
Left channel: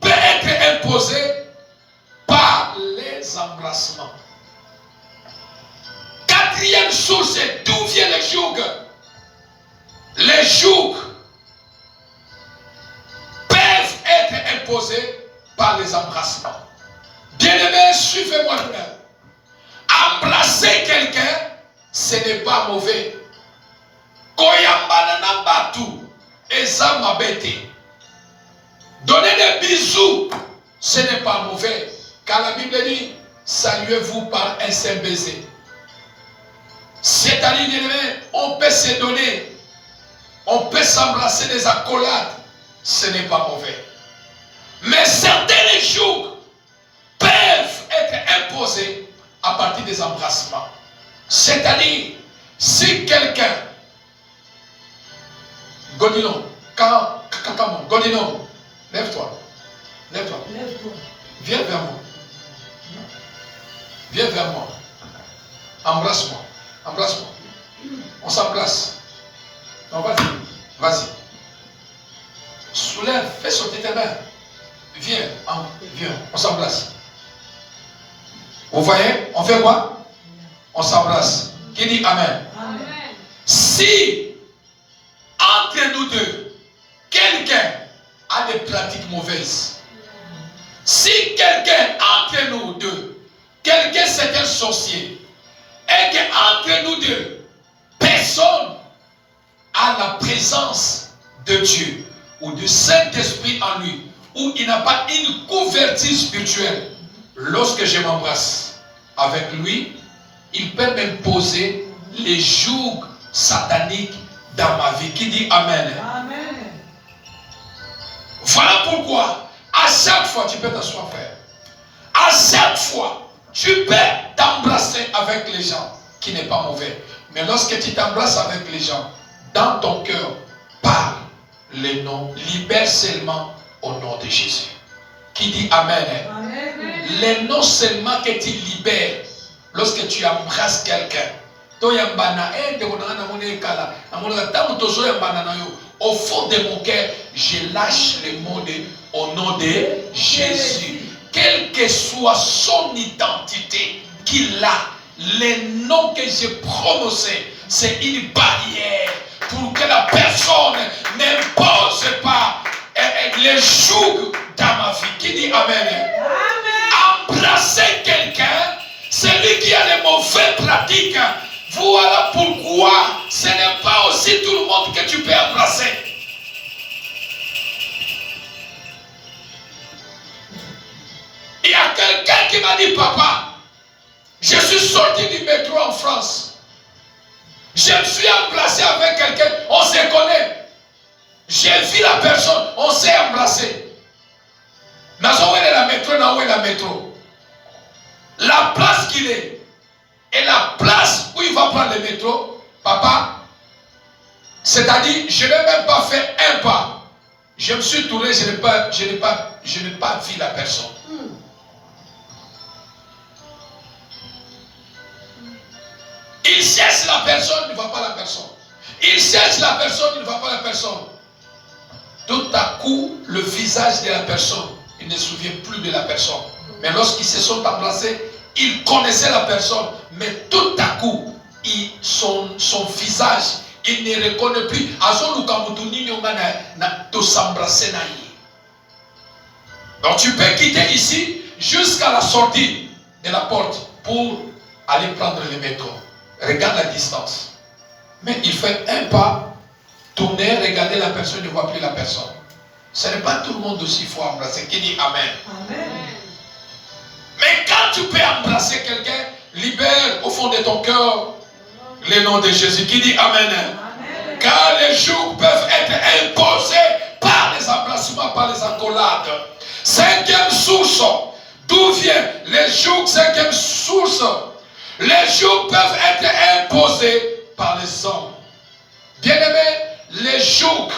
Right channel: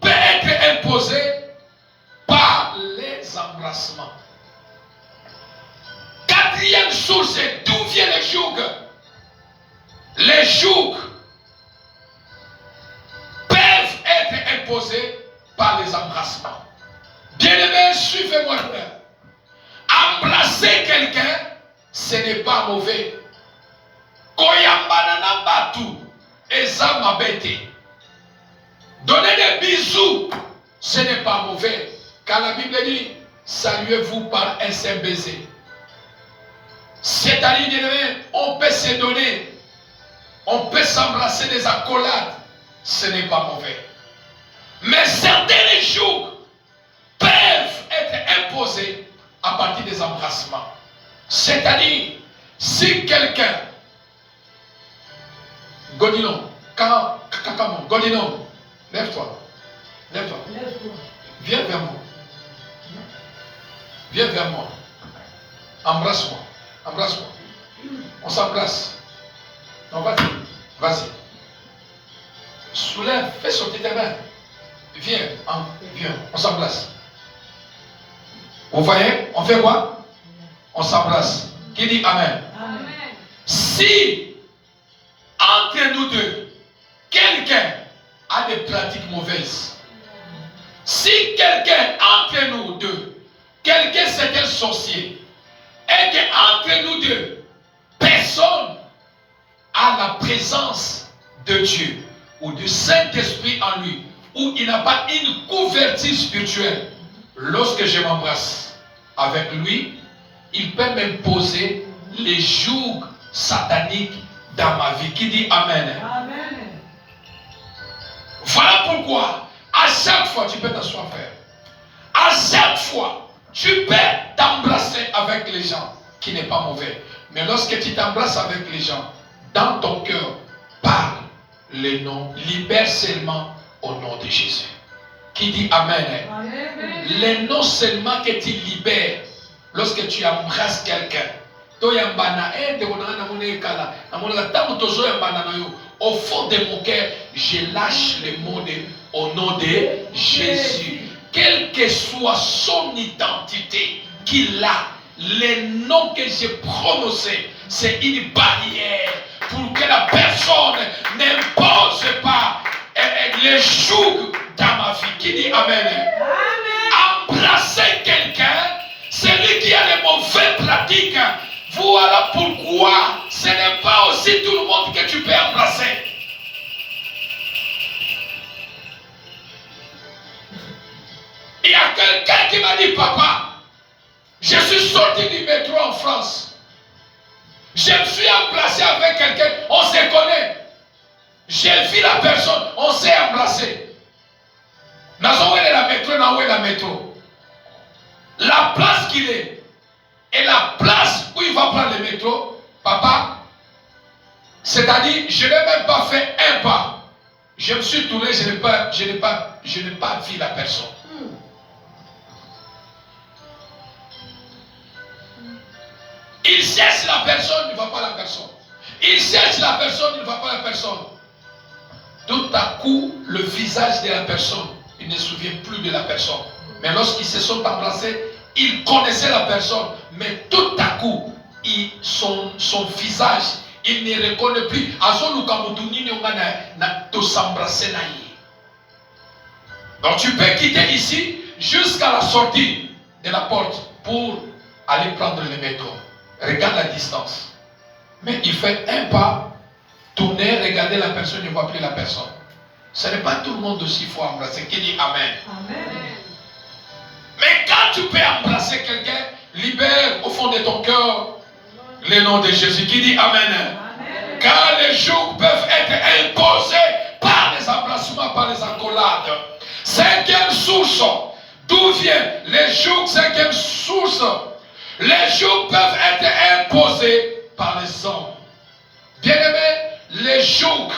peut être imposé par les embrassements. Quatrième source, d'où vient le joug? Les jougs peuvent être imposés par les embrassements. Bien-aimés, suivez-moi bien. Embrasser quelqu'un, ce n'est pas mauvais. Koyambana batu, eza mabete. Donner des bisous, ce n'est pas mauvais. Car la Bible dit, saluez-vous par un seul baiser. C'est-à-dire, on peut se donner, on peut s'embrasser des accolades, ce n'est pas mauvais. Mais certains jours peuvent être imposés à partir des embrassements. C'est-à-dire, si quelqu'un, Godino, Godino, lève-toi, lève-toi, Lève-toi. viens vers moi, viens vers moi, embrasse-moi. Embrasse-moi. On s'embrasse. Non, vas-y. Vas-y. Soulève. Fais sortir tes mains. Viens. Viens. On s'embrasse. Vous voyez? On fait quoi? On s'embrasse. Qui dit Amen? Amen. Si, entre nous deux, quelqu'un a des pratiques mauvaises, si quelqu'un entre nous deux, quelqu'un c'est un sorcier, et qu'entre nous deux, personne a la présence de Dieu ou du Saint-Esprit en lui, ou il n'a pas une couverture spirituelle, lorsque je m'embrasse avec lui, il peut m'imposer les jougs sataniques dans ma vie. Qui dit Amen? Amen. Voilà pourquoi, à chaque fois, tu peux t'asseoir, frère. À chaque fois, tu peux t'embrasser avec les gens, qui n'est pas mauvais. Mais lorsque tu t'embrasses avec les gens, dans ton cœur, parle les noms, libère seulement au nom de Jésus. Qui dit Amen? Amen. Les noms seulement que tu libères lorsque tu embrasses quelqu'un. Au fond de mon cœur, je lâche le mot au nom de Jésus. Quelle que soit son identité qu'il a, les noms que j'ai prononcés, c'est une barrière pour que la personne n'impose pas les jougs dans ma vie. Qui dit Amen? Amen. embrasser quelqu'un, c'est lui qui a les mauvaises pratiques. Voilà pourquoi ce n'est pas aussi tout le monde que tu peux embrasser. Il y a quelqu'un qui m'a dit, papa, je suis sorti du métro en France. Je me suis embrassé avec quelqu'un, on se connaît. J'ai vu la personne, on s'est embrassé. Mais où est la métro, où est la métro? La place qu'il est et la place où il va prendre le métro, papa, c'est-à-dire, je n'ai même pas fait un pas. Je me suis tourné, je n'ai pas vu la personne. Il cherche la personne, il ne voit pas la personne. Il cherche la personne, il ne voit pas la personne. Tout à coup, le visage de la personne, il ne se souvient plus de la personne. Mais lorsqu'ils se sont embrassés, il connaissait la personne. Mais tout à coup, son visage, il ne reconnaît plus. Donc tu peux quitter ici jusqu'à la sortie de la porte pour aller prendre le métro. Regarde la distance. Mais il fait un pas, tourner, regarder la personne, il ne voit plus la personne. Ce n'est pas tout le monde aussi qu'il faut embrasser. Qui dit Amen? Amen. Mais quand tu peux embrasser quelqu'un, libère au fond de ton cœur le nom de Jésus. Qui dit Amen? Amen. Car les jours peuvent être imposés par les embrassements, par les accolades. Cinquième source, d'où vient les jours? Cinquième source, les jours peuvent être imposés par les hommes. Bien-aimé, les jours,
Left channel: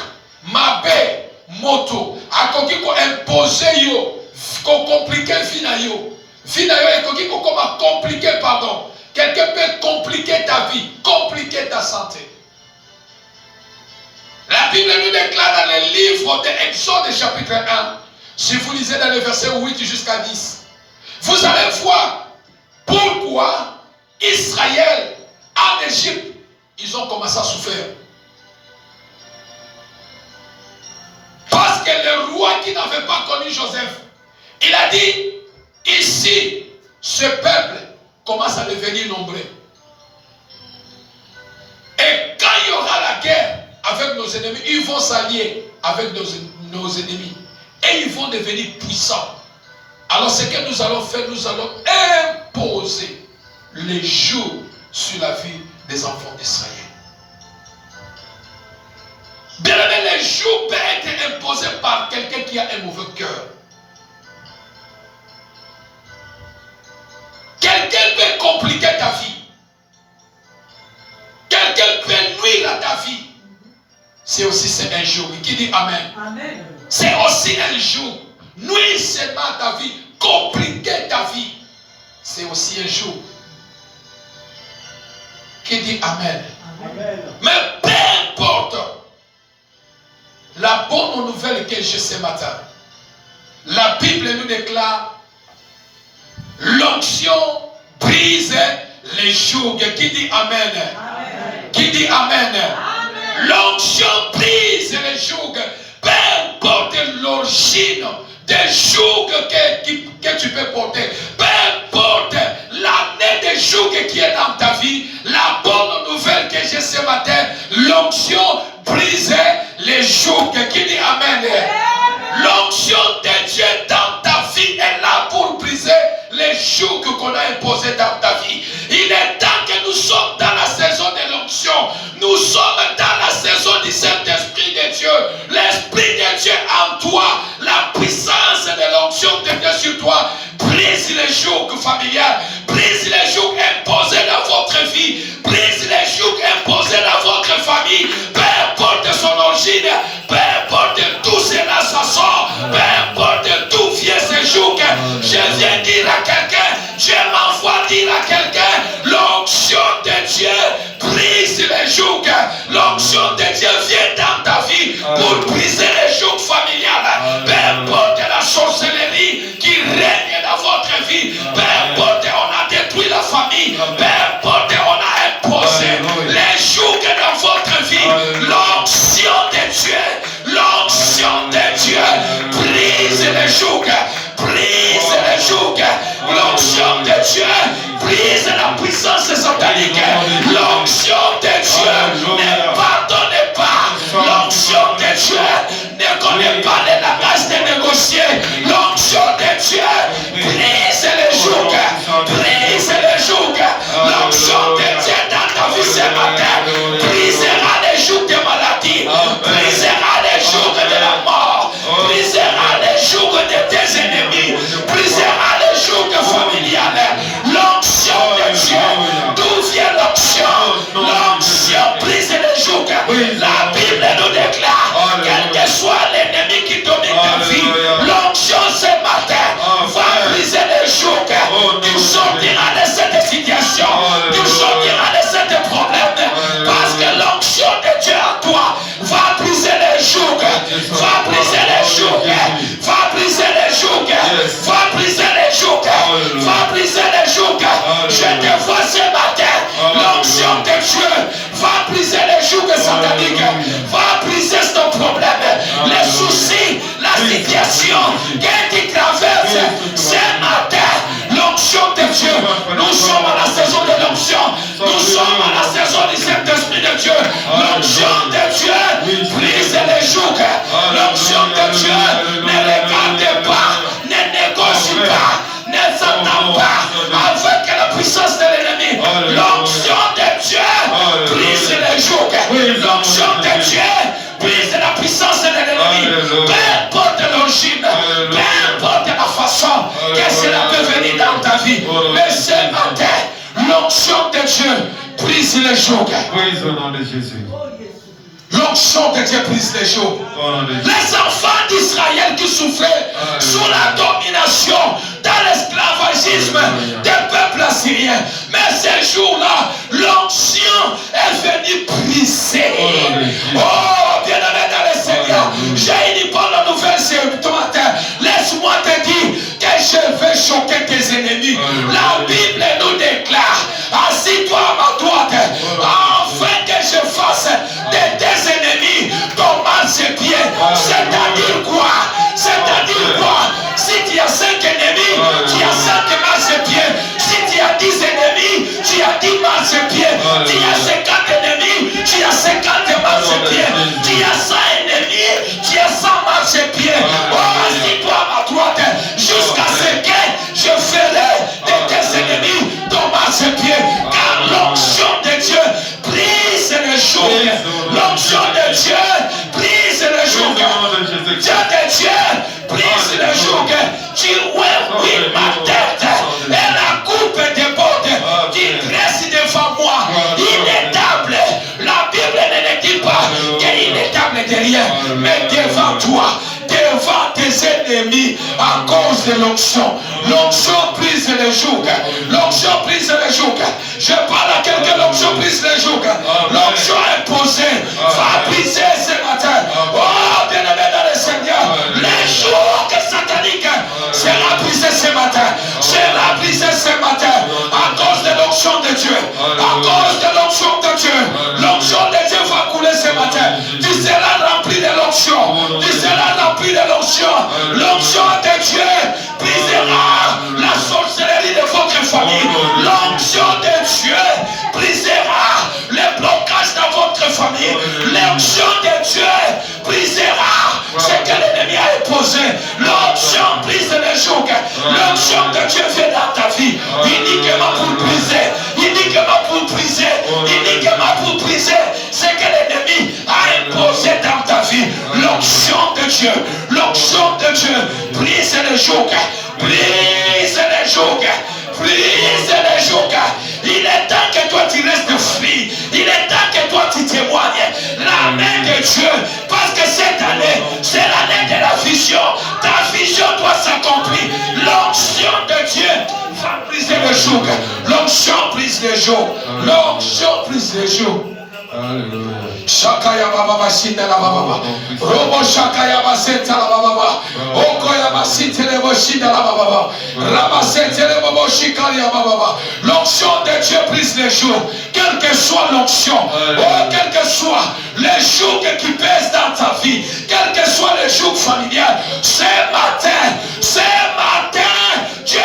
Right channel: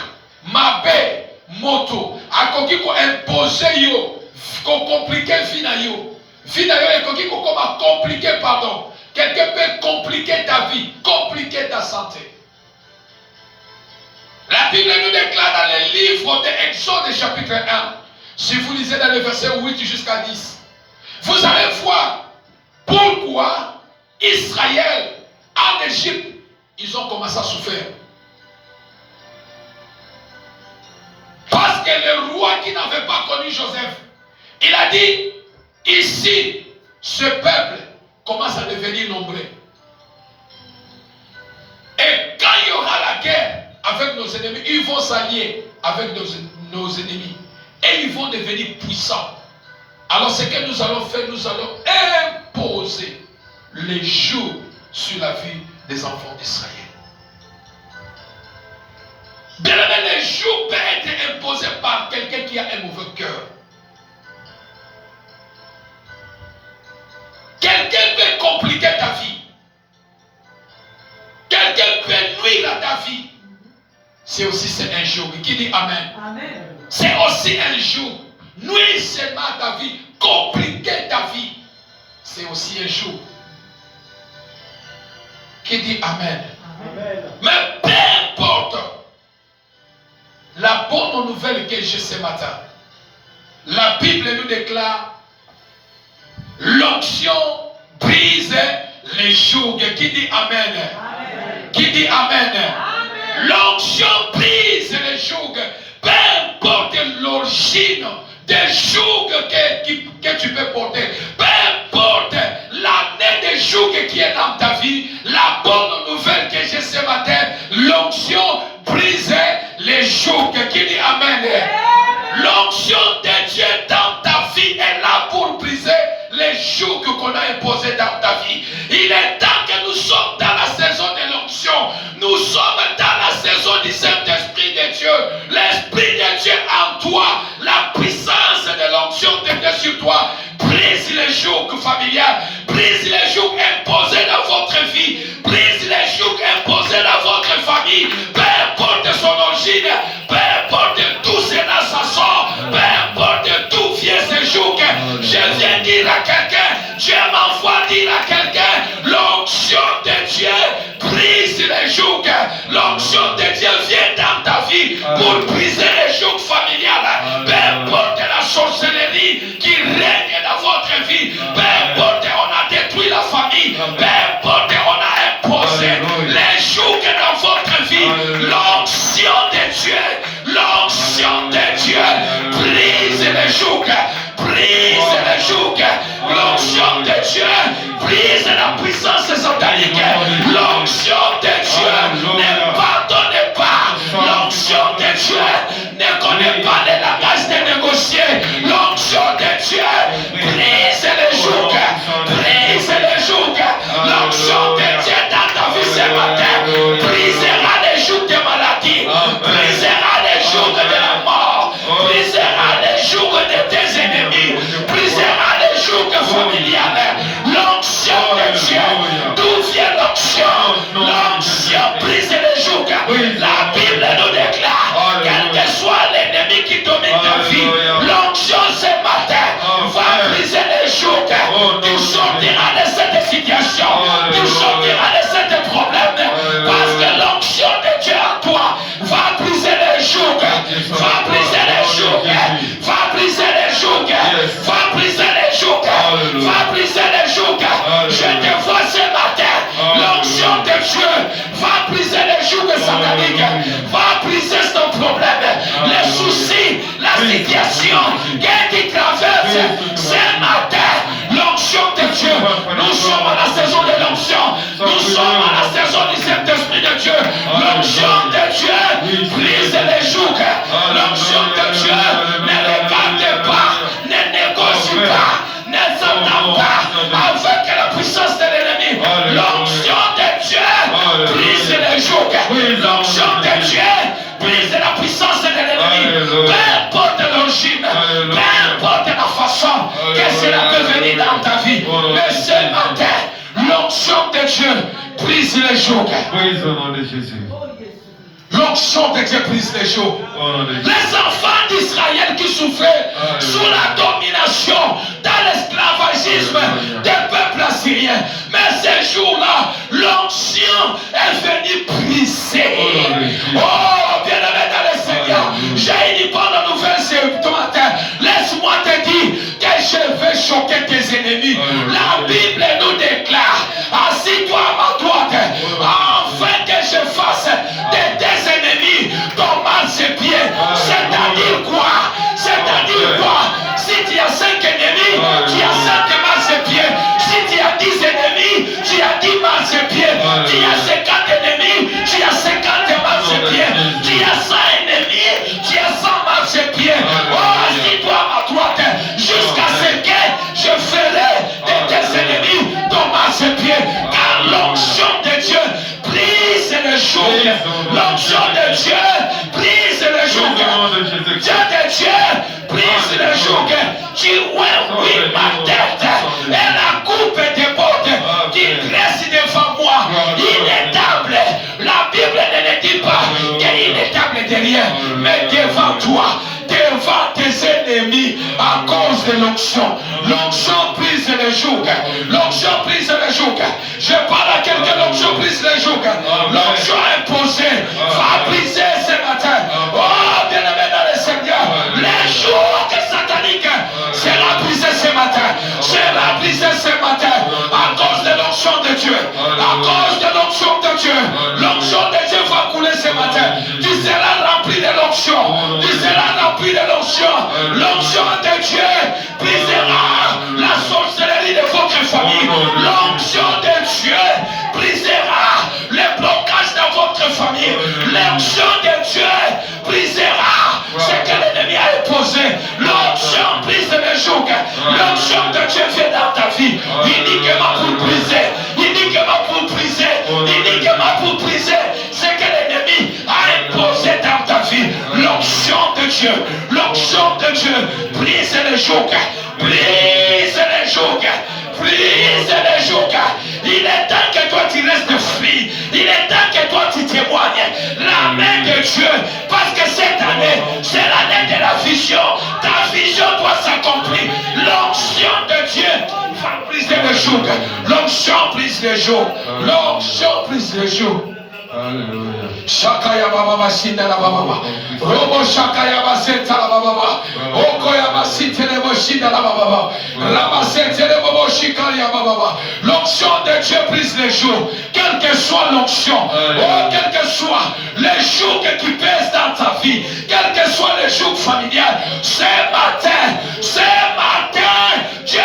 mabé, moto, à quoi qu'on impose yo, qu'on complique fina yo. Fina yo et qu'on a compliqué, pardon. Quelqu'un peut compliquer ta vie, compliquer ta santé. La Bible nous déclare dans le livre d'Exode chapitre 1, si vous lisez dans les versets 8 jusqu'à 10, vous allez voir pourquoi Israël, en Égypte, ils ont commencé à souffrir. Parce que le roi qui n'avait pas connu Joseph, il a dit, ici, ce peuple commence à devenir nombreux. Et quand il y aura la guerre avec nos ennemis, ils vont s'allier avec nos ennemis. Et ils vont devenir puissants. Alors ce que nous allons faire, nous allons imposer les jours sur la vie des enfants d'Israël. Bien aimé, les jours peuvent être imposés par quelqu'un qui a un mauvais cœur. Quelqu'un peut compliquer ta vie. Quelqu'un peut nuire à ta vie. C'est un jour. Qui dit Amen? Amen. C'est aussi un jour. Nuire seulement à ta vie. Compliquer ta vie. C'est aussi un jour. Qui dit Amen? Amen. Mais peu importe la bonne nouvelle que j'ai ce matin, la Bible nous déclare l'onction brise les jougs. Qui dit Amen? Amen. Qui dit Amen? Amen. L'onction brise les jougs. Peu importe l'origine des jougs que tu peux porter, peu importe l'année des jougs qui est dans ta vie, la bonne nouvelle que j'ai ce matin, l'onction brise les jougs. Qui dit Amen? L'onction de Dieu dans ta vie est là pour briser les jougs qu'on a imposés dans ta vie. Il est temps que nous sommes dans la saison de l'onction. Nous sommes dans la saison du Saint-Esprit de Dieu. L'Esprit de Dieu en toi, la puissance de l'onction de Dieu sur toi, brise les jougs familiales, brise les jougs imposés dans votre vie, brise les jougs imposés dans votre famille, peu importe son origine, peu importe d'où c'est dans sa sang, peu importe d'où vient ce joug. Je viens dire à quelqu'un, Dieu m'envoie dire à quelqu'un, l'onction de Dieu brise les jougs. L'onction de Dieu vient dans ta vie pour briser les jougs familiales. Peu importe la sorcellerie qui règne dans votre vie, peu importe on a détruit la famille, peu importe on a imposé les jougs dans votre vie, l'onction de Dieu, l'onction de Dieu brise les jougs, brise les joug. L'onction de Dieu brise la puissance satanique. L'onction de Dieu ne pardonne pas. L'onction de Dieu ne connaît pas le langage de négocier. L'onction de Dieu brise les jougs. Brise les jougs. L'onction de Dieu dans ta vie ce matin brisera les jougs de maladie. Brisera les jougs de la mort. Brisera les jougs de tes ennemis. Brisera les jougs familiales. L'onction de Dieu. D'où vient l'onction? L'onction brise les jougs. La Bible nous déclare, quel que soit l'ennemi qui domine ta vie, l'onction ce matin va briser les jougs. Tu sortiras de cette situation. Tu sortiras de ce problème. Parce que l'onction de Dieu à toi va briser les jougs. Va briser les jougs. Va briser les jougs. Va briser les jougs. Va briser les jougs. Je te vois ce matin. L'onction de Dieu va briser les jougs sataniques. Va briser ton problème. Les soucis, la situation que tu traverses ce matin. L'onction de Dieu. Nous sommes à la saison de l'onction. Nous sommes à la saison du Saint-Esprit de Dieu. L'onction de Dieu brise les jougs. L'onction de Dieu ne regarde pas, ne négocie pas, ne s'entend pas avec la puissance de l'ennemi. L'onction de Dieu brise les jougs. L'onction de Dieu brise la puissance de l'ennemi. Peu importe l'origine, peu importe la façon que cela peut venir dans ta vie. Mais ce matin, l'onction de Dieu brise les jougs. Praise au nom de Jésus. L'onction de Dieu brise les jougs. Les enfants d'Israël qui souffraient sous la domination dans l'esclavagisme des peuples assyriens. Mais ces jours-là, l'onction est venue briser. Oh, bien-aimé dans le Seigneur, j'ai une bonne nouvelle ce matin. Laisse-moi te dire que je vais choquer tes ennemis. La Bible nous déclare, assis-toi à ma droite, afin que je fasse de tes ennemis ton marchepied. C'est-à-dire quoi? C'est-à-dire quoi? Si tu as 5 ennemis, tu as 5 marchepieds. Si tu as 10 ennemis, tu as 10 marchepieds. Tu as 50 ennemis, tu as 50 marchepieds. Tu as 100 ennemis, tu as 100 marchepieds. Oh, assis-toi à ma droite jusqu'à ce que je ferai de tes ennemis ton marchepied. Car l'onction de Dieu brise le joug. L'onction de Dieu brise le joug. Dieu de Dieu brise le joug. Tu oui ma tête et la coupe déborde qui dresse devant moi. Il est table. La Bible ne dit pas qu'il est table derrière, mais devant toi, devant tes ennemis, à cause de l'onction. L'onction brise le joug. L'onction brise le joug. Je parle à quelqu'un, l'onction brise le joug. L'onction imposée va briser ce matin. Oh, bien-aimé dans le Seigneur, les jougs sataniques sera brisé ce matin. Sera brisé ce matin à cause de l'onction de Dieu. À cause de l'onction de Dieu. L'onction de Dieu va couler ce matin. Tu seras rempli de l'onction. Tu seras rempli de l'onction. L'onction de Dieu brisera la sorcellerie de votre famille. L'onction de Dieu brisera les blocages dans votre famille. L'onction de Dieu brisera ce que l'ennemi a opposé. L'onction brise les jougs. L'onction de Dieu vient dans ta vie. Uniquement pour briser. Uniquement pour briser. Uniquement pour briser ce que l'ennemi a imposé dans ta vie. L'onction de Dieu. L'onction de Dieu brise les jougs. Brise les jougs. Brise les jougs. Il est temps que toi tu restes free. Il est temps que toi tu témoignes la main de Dieu. Parce que cette année, c'est l'année de la vision. Ta vision doit s'accomplir. L'onction de Dieu va briser le joug. L'onction brise les jougs. L'onction brise les jougs. Shakaya baba bashinda la baba. Robo shakaya baseta la baba. Okoya basite le boshinda la baba. Rabasete le bobo shikaya baba. L'onction de Dieu brise les jours. Quelle que soit l'onction, oh, quel que soit les jours qui pèsent dans ta vie, quel que soit les jours familial, ce matin, Dieu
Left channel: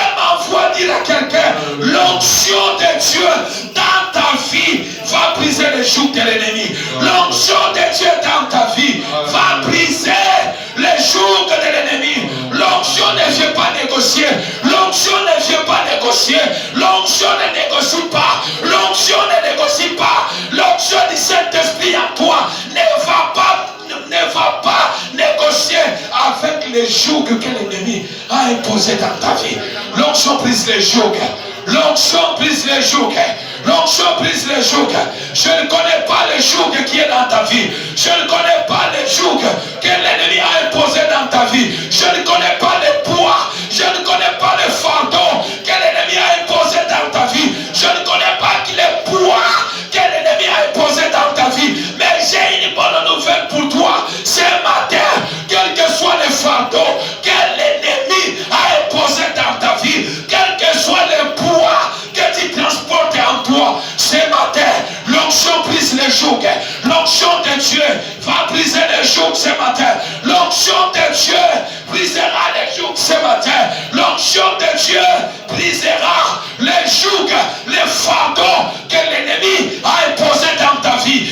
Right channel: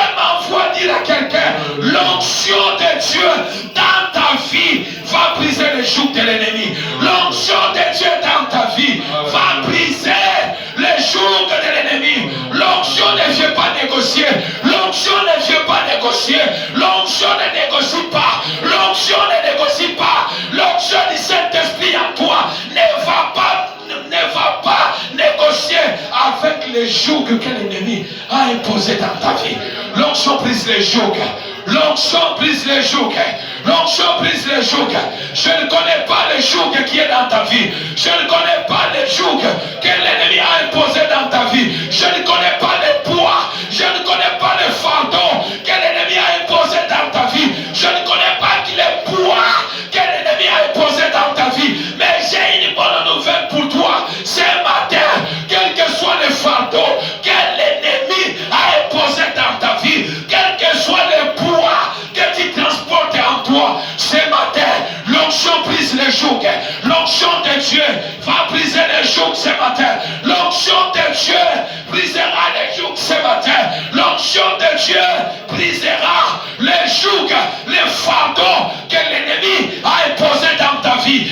L'onction de Dieu dans ta vie va briser le joug de l'ennemi. L'onction de Dieu dans ta vie va briser le joug de l'ennemi. L'onction ne vient pas négocier. L'onction ne vient pas négocier. L'onction ne négocie pas. L'onction ne négocie pas. L'onction du Saint-Esprit en toi ne va pas négocier avec les jougs que l'ennemi a imposé dans ta vie. L'onction brise les jougs. L'onction brise les jougs. L'onction brise les jougs. Je ne connais pas le joug qui est dans ta vie. Je ne connais pas le joug que l'ennemi a imposé dans ta vie. Je ne connais pas le poids. Je ne connais pas le fardeau que l'ennemi a imposé dans ta vie. Je ne connais pas le poids que l'ennemi a imposé dans ta vie. Mais j'ai une bonne nouvelle pour toi. Ce matin, quel que soit le fardeau que l'ennemi a imposé dans ta vie, quel que soit le poids que tu transportes en toi, ce matin, l'onction brise les jougs. L'onction de Dieu va briser les jougs ce matin. L'onction de Dieu brisera les jougs ce matin. L'onction de Dieu brisera les jougs, les fardeaux que l'ennemi a imposé dans ta vie.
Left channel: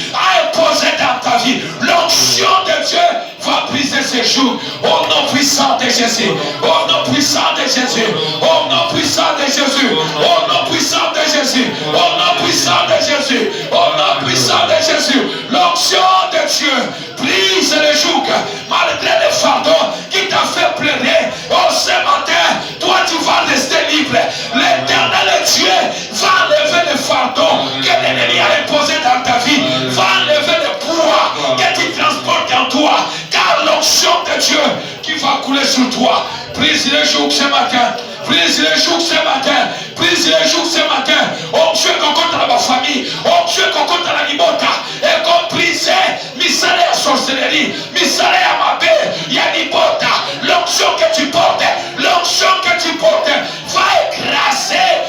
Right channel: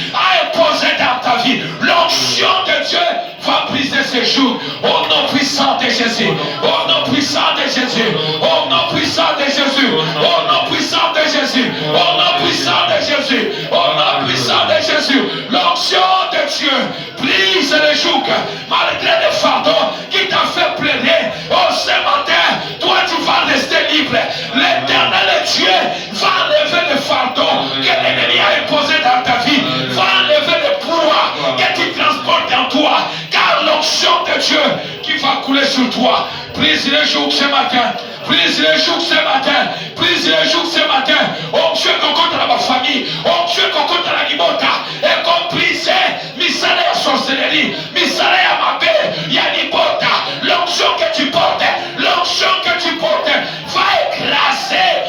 L'onction de Dieu va briser ces jougs. Au nom puissant de Jésus. Au nom puissant de Jésus. Au nom puissant de Jésus. Au nom puissant de Jésus. Au nom puissant de Jésus. Au nom puissant de Jésus. L'onction de Dieu brise les jougs malgré les fardeaux qui t'a fait pleurer. Oh, ce matin, toi tu vas rester libre. L'Éternel Dieu va enlever le fardeau que l'ennemi a imposé dans ta vie. Va enlever le poids que tu transportes en toi. Car l'onction de Dieu qui va couler sur toi. Brise les jougs ce matin. Brise les jougs ce matin. Brise les jougs ce matin. Oh Dieu, qu'on compte à ma famille. Oh Dieu, qu'on compte à la libota. Et qu'on brise misale à sorcellerie. Misale à ma paix. Yanibota. L'onction que tu portes. L'onction que tu portes. Va écraser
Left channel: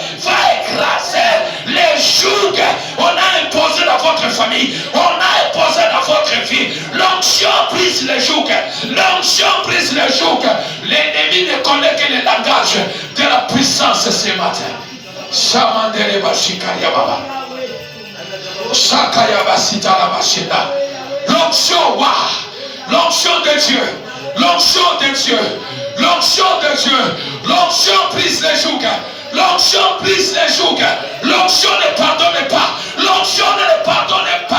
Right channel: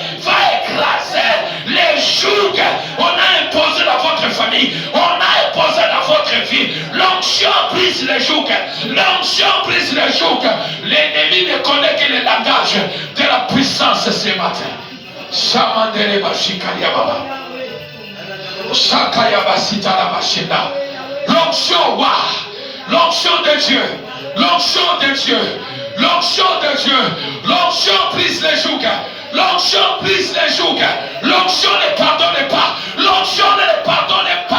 les jougs. On a imposé dans votre famille. On a imposé dans votre vie. L'onction brise les jougs. L'onction brise les jougs. L'ennemi ne connaît que le langage de la puissance ce matin. Shamandere Bashikaria Baba. Shakaya Basita la Bashida. L'onction, l'onction de Dieu. L'onction de Dieu. L'onction de Dieu. L'onction brise les jougs. L'onction brise les jougs. L'onction ne pardonne pas. L'onction ne pardonne pas.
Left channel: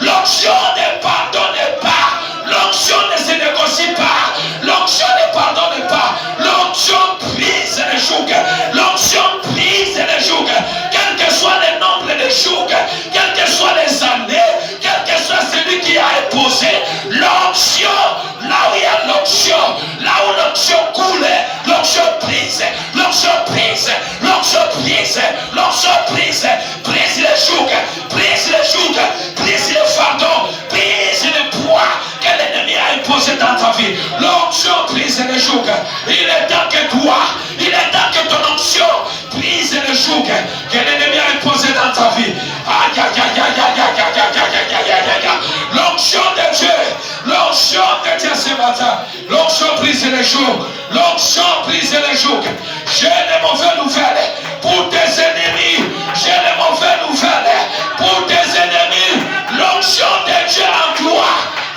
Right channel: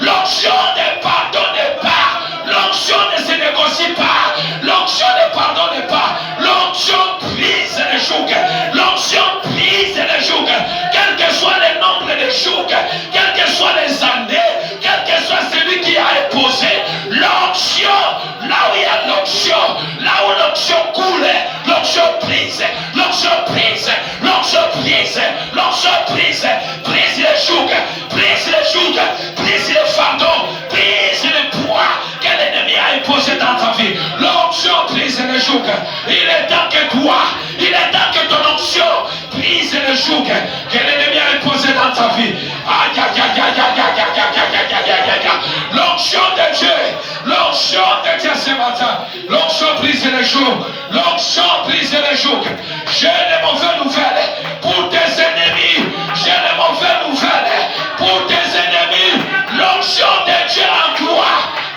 L'onction ne pardonne pas. L'onction ne se négocie pas. L'onction ne pardonne pas. L'onction brise les jougs. L'onction brise les jougs. Quel que soit le nombre de jougs, quelles que soient les années, quel que soit celui qui a imposé l'onction, là où il y a l'onction, là où l'onction coule, l'onction brise, l'onction brise, l'onction brise, l'onction brise, brise les jougs, brise les jougs, brise les fardeaux, brise les poids que l'ennemi a imposé dans ta vie. L'onction brise les jougs. Il est temps que toi, il est temps que ton onction brise les jougs que l'ennemi a imposé dans ta vie. L'onction de Dieu, l'onction de Dieu ce matin, l'onction brise les jougs, l'onction brise les jougs. J'ai les mauvaises nouvelles pour tes ennemis, j'ai les mauvaises nouvelles pour tes ennemis. L'onction de Dieu en toi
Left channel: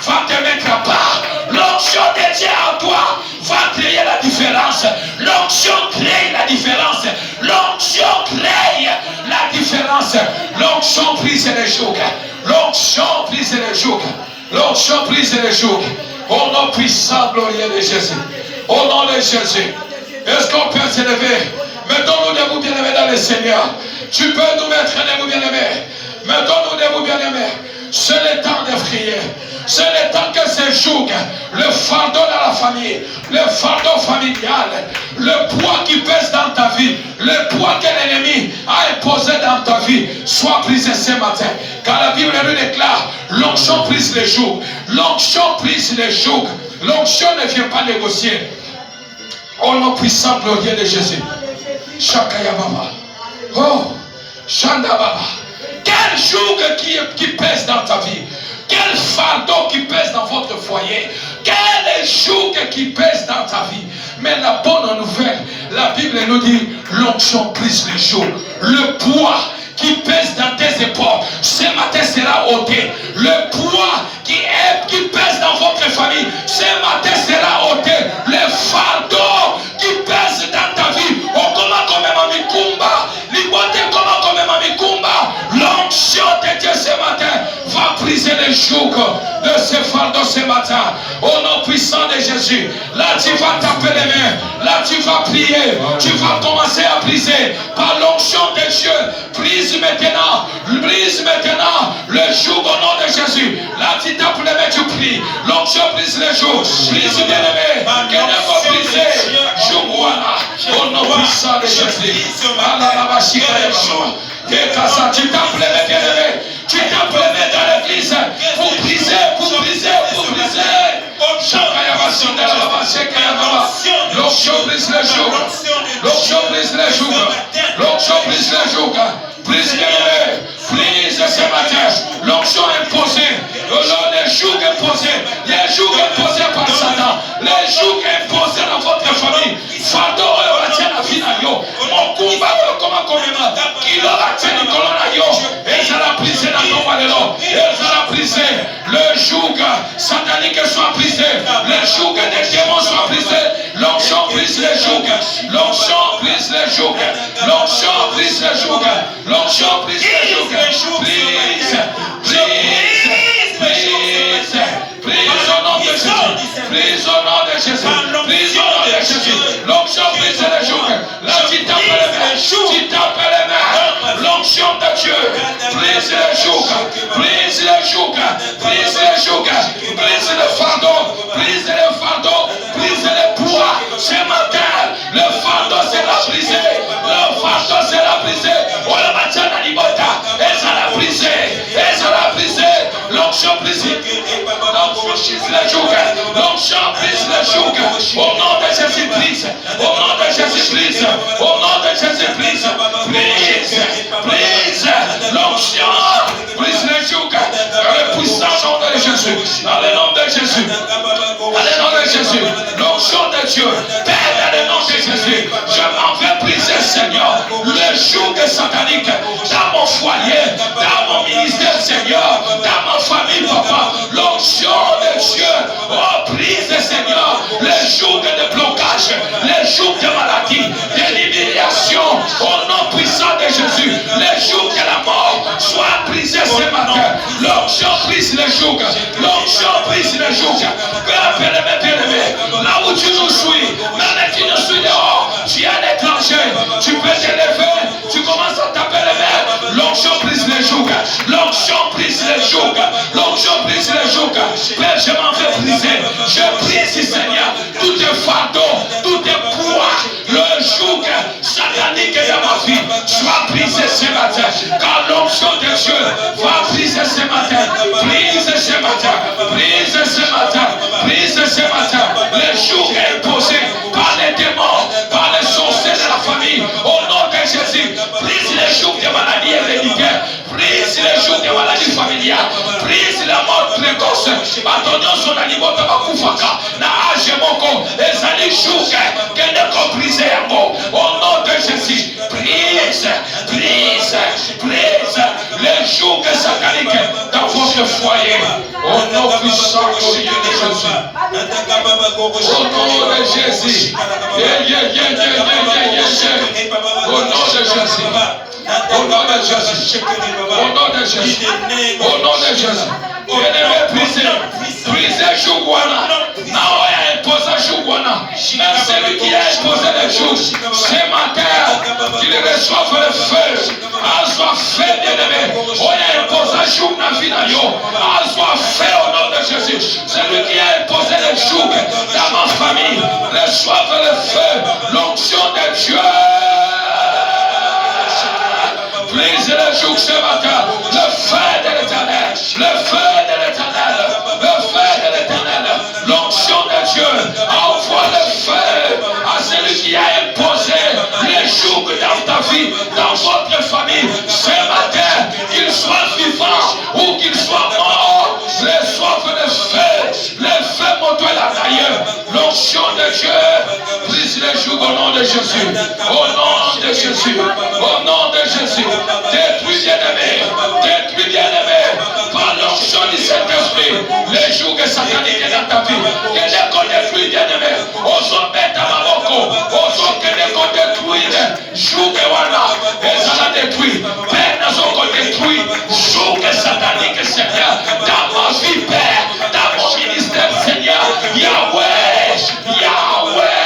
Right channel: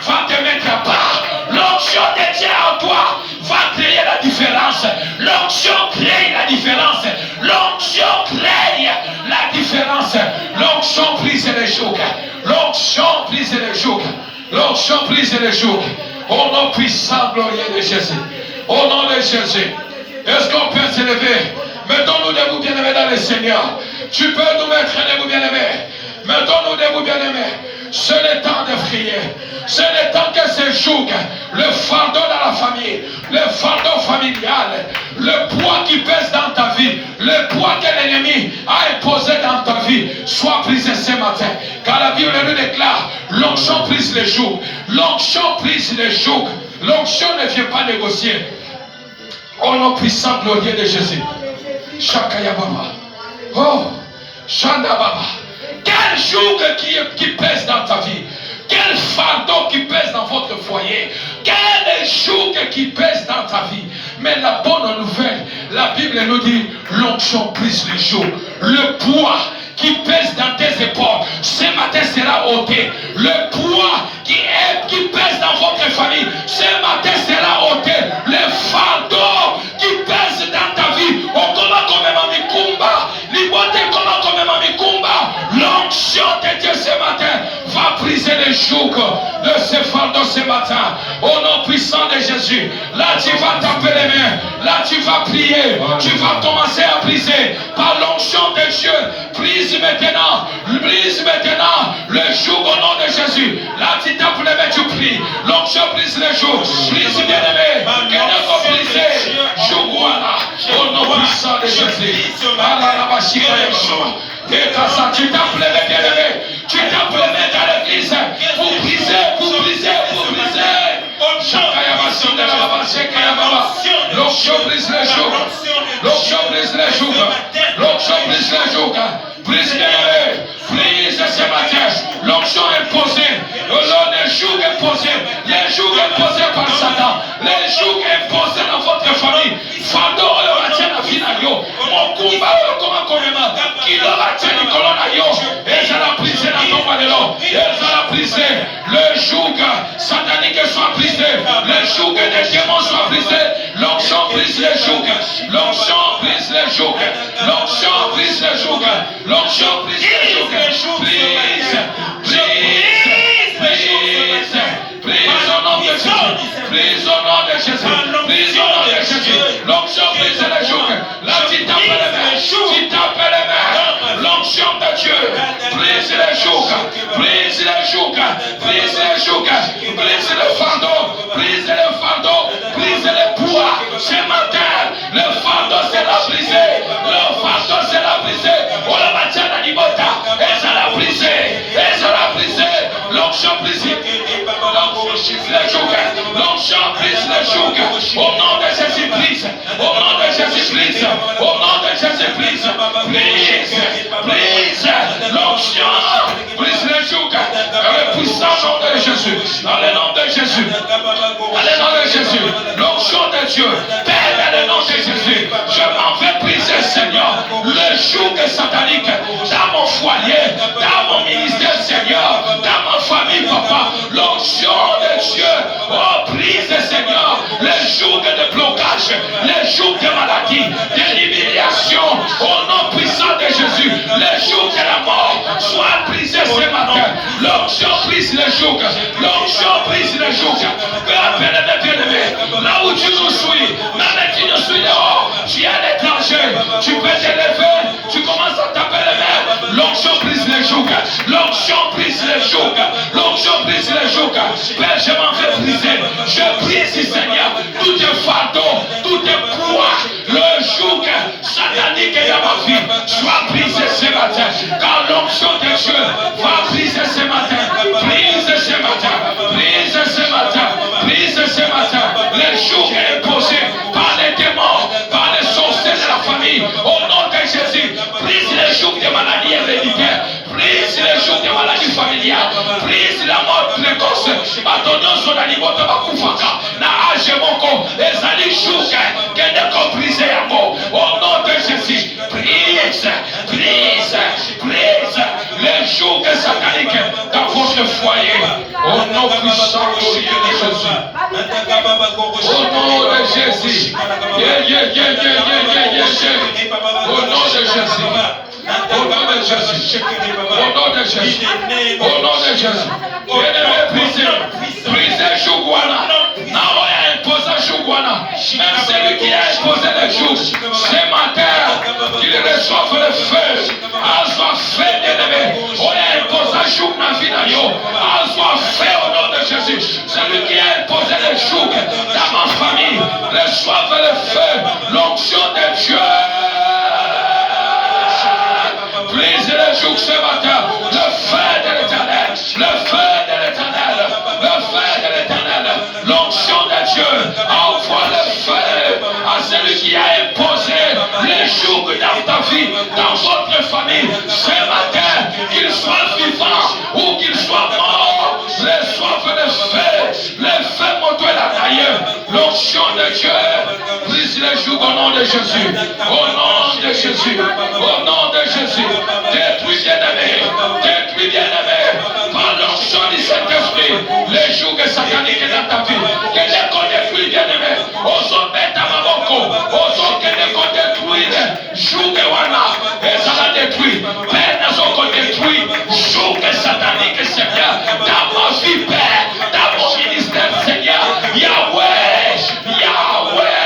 va te mettre à part. L'onction de Dieu en toi va créer la différence. L'onction crée la différence. L'onction crée la différence. L'onction brise les jougs. L'onction brise les jougs. L'onction brise les jougs. Au nom puissant, glorieux de Jésus. Au nom de Jésus. Est-ce qu'on peut s'élever? Mettons-nous debout, bien-aimés, dans le Seigneur. Tu peux nous mettre debout, bien-aimés. Mettons-nous debout, bien-aimés. C'est le temps de prier. C'est le temps que ces jougs, le fardeau dans la famille, le fardeau familial, le poids qui pèse dans ta vie, le poids que l'ennemi a imposé dans ta vie, soit brisé ce matin. Car la Bible nous déclare, l'onction brise les jougs. L'onction brise les jougs. L'onction ne vient pas négocier. Au nom puissant, glorieux de Jésus. Shakaya Baba. Oh, Shanda Baba. Quel joug qui pèse dans ta vie? Quel fardeau qui pèse dans votre foyer? quel joug qui pèse dans ta vie. Mais la bonne nouvelle, la Bible nous dit, l'onction brise le joug. Le poids qui pèse dans tes épaules, ce matin sera ôté. Le poids qui pèse dans votre famille, ce matin sera ôté. Le fardeau qui pèse dans ta vie, l'onction de Dieu ce matin va briser les jougs de ce fardeau ce matin. Au nom puissant de Jésus, là tu vas taper les mains, là tu vas prier, tu vas commencer à briser par l'onction de Dieu. Brise maintenant le joug au nom de Jésus. Là tu tapes les mains, tu pries. L'onction brise les jougs. Brise bien aimé. Qu'elle va briser. Joug au nom puissant de Jésus. Tu tapes les mains bien aimé. Tu tapes les mains dans l'église pour briser. L'onction brise les jougs. L'onction brise les jougs. L'onction brise les jougs. Brise bien aimé. Brise ce matin. L'onction imposée. Les jougs imposés. Les jougs imposés par Satan. Les jougs imposés dans votre famille. Fardeau la finario. Mon combat comment qui la tienne colonario. Et ça l'a brisé la tombe de l'eau. Et ça l'a brisé. Le joug satanique soit brisé. Le joug des démons soit brisé. L'onction brise les jougs. L'onction brise les jougs. L'onction brise les jougs. L'onction brise les jougs. Brise au nom de Jésus. Brise au nom de Jésus. Brise au nom de Jésus. L'onction brise les jougs. Là tu tapes les mains. Tu tapes les mains. L'onction de Dieu. Brise les jougs. Brise les jougs. Brise les jougs. Brise le fardeau. Brise le fardeau. Brise les poids. Ce matin, le fardeau sera brisé. Le fardeau sera brisé. On le maintient dans l'ibota. Et ça l'a brisé. Et ça l'a brisé. L'onction brise les jougs. L'onction brise les jougs. Au nom de Jésus brise. Au nom de Jésus brise. Au nom de Jésus brise. Brise l'onction. Brise les jougs. Dans le puissant nom de Jésus. Dans le nom de Jésus. Dans le nom de Jésus. L'onction de Dieu. Père, dans le nom de Jésus. Je m'en vais briser, Seigneur, le joug satanique dans mon foyer, dans mon ministère, Seigneur, dans ma famille, Papa. L'onction de Dieu. Oh, brise, Seigneur, les jougs de blocage, les jougs de maladie, de l'humiliation. Au nom puissant de Jésus, les jougs de la mort soient brisés ce matin. L'onction brise les jougs. L'onction brise les jougs. Là où tu nous suis, même qui nous suis dehors, tu es à l'étranger, tu peux te lever, tu commences à taper les mains. L'onction brise les jougs. L'onction brise les jougs. L'onction brise les jougs. Père, je m'en vais briser. Je brise, Seigneur, tout est fardeau, tout est poids, le joug satanique dans ma vie soit brisé ce matin. Car l'onction de Dieu va briser ce matin. Brise ce matin. Brise ce matin. Brise ce matin. Les jougs imposés par les démons, par les sorciers de la famille. Au nom de Jésus, brise les jougs de maladies héréditaires. Brise les jougs de maladies familiales. Brise la mort précoce. Pardonnons son animal de Bakufaka. Na age moko. Les alliés jougs que ne comprisent un mot. Au nom de Jésus, brise, brise, brise les jougs sataniques dans votre foyer. Au nom puissant de Jésus. Au nom de Jésus. Au nom de Jésus. Au nom de Jésus. Au nom de Jésus. Au nom de Jésus. Brisez Jougouana. Naoya impose Jougouana. Même celui qui a imposé les jours, ce matin, qu'il reçoive le feu. Assois fait bien-aimé. Oya impose Jougna Finayo. Assois fait au nom de Jésus. Celui qui a imposé les jours dans ma famille, reçoive le feu. L'onction de Dieu. Brise les jougs ce matin. Le feu de l'éternel. Le feu de l'éternel. Le feu de l'éternel. L'onction de Dieu. Envoie le feu à celui qui a imposé les jougs dans ta vie, dans votre famille. Ce matin, qu'il soit vivant ou qu'il soit mort, reçoive le feu. Le feu moto la de Jésus. Au nom de Jésus. Au nom de Jésus. Détruis bien-aimé. Détruis bien-aimé. Par l'onction du Saint-Esprit. Les jours sataniques dans ta vie. Que les corps détruits bien-aimé. Oso beta maboko. Oso que les corps détruits. Jouge wana. Ezala détruit. Père n'a son corps détruit. Jouge satanique Seigneur. Dans ma vie Père. Dans mon ministère Seigneur. Yahweh. Yahweh.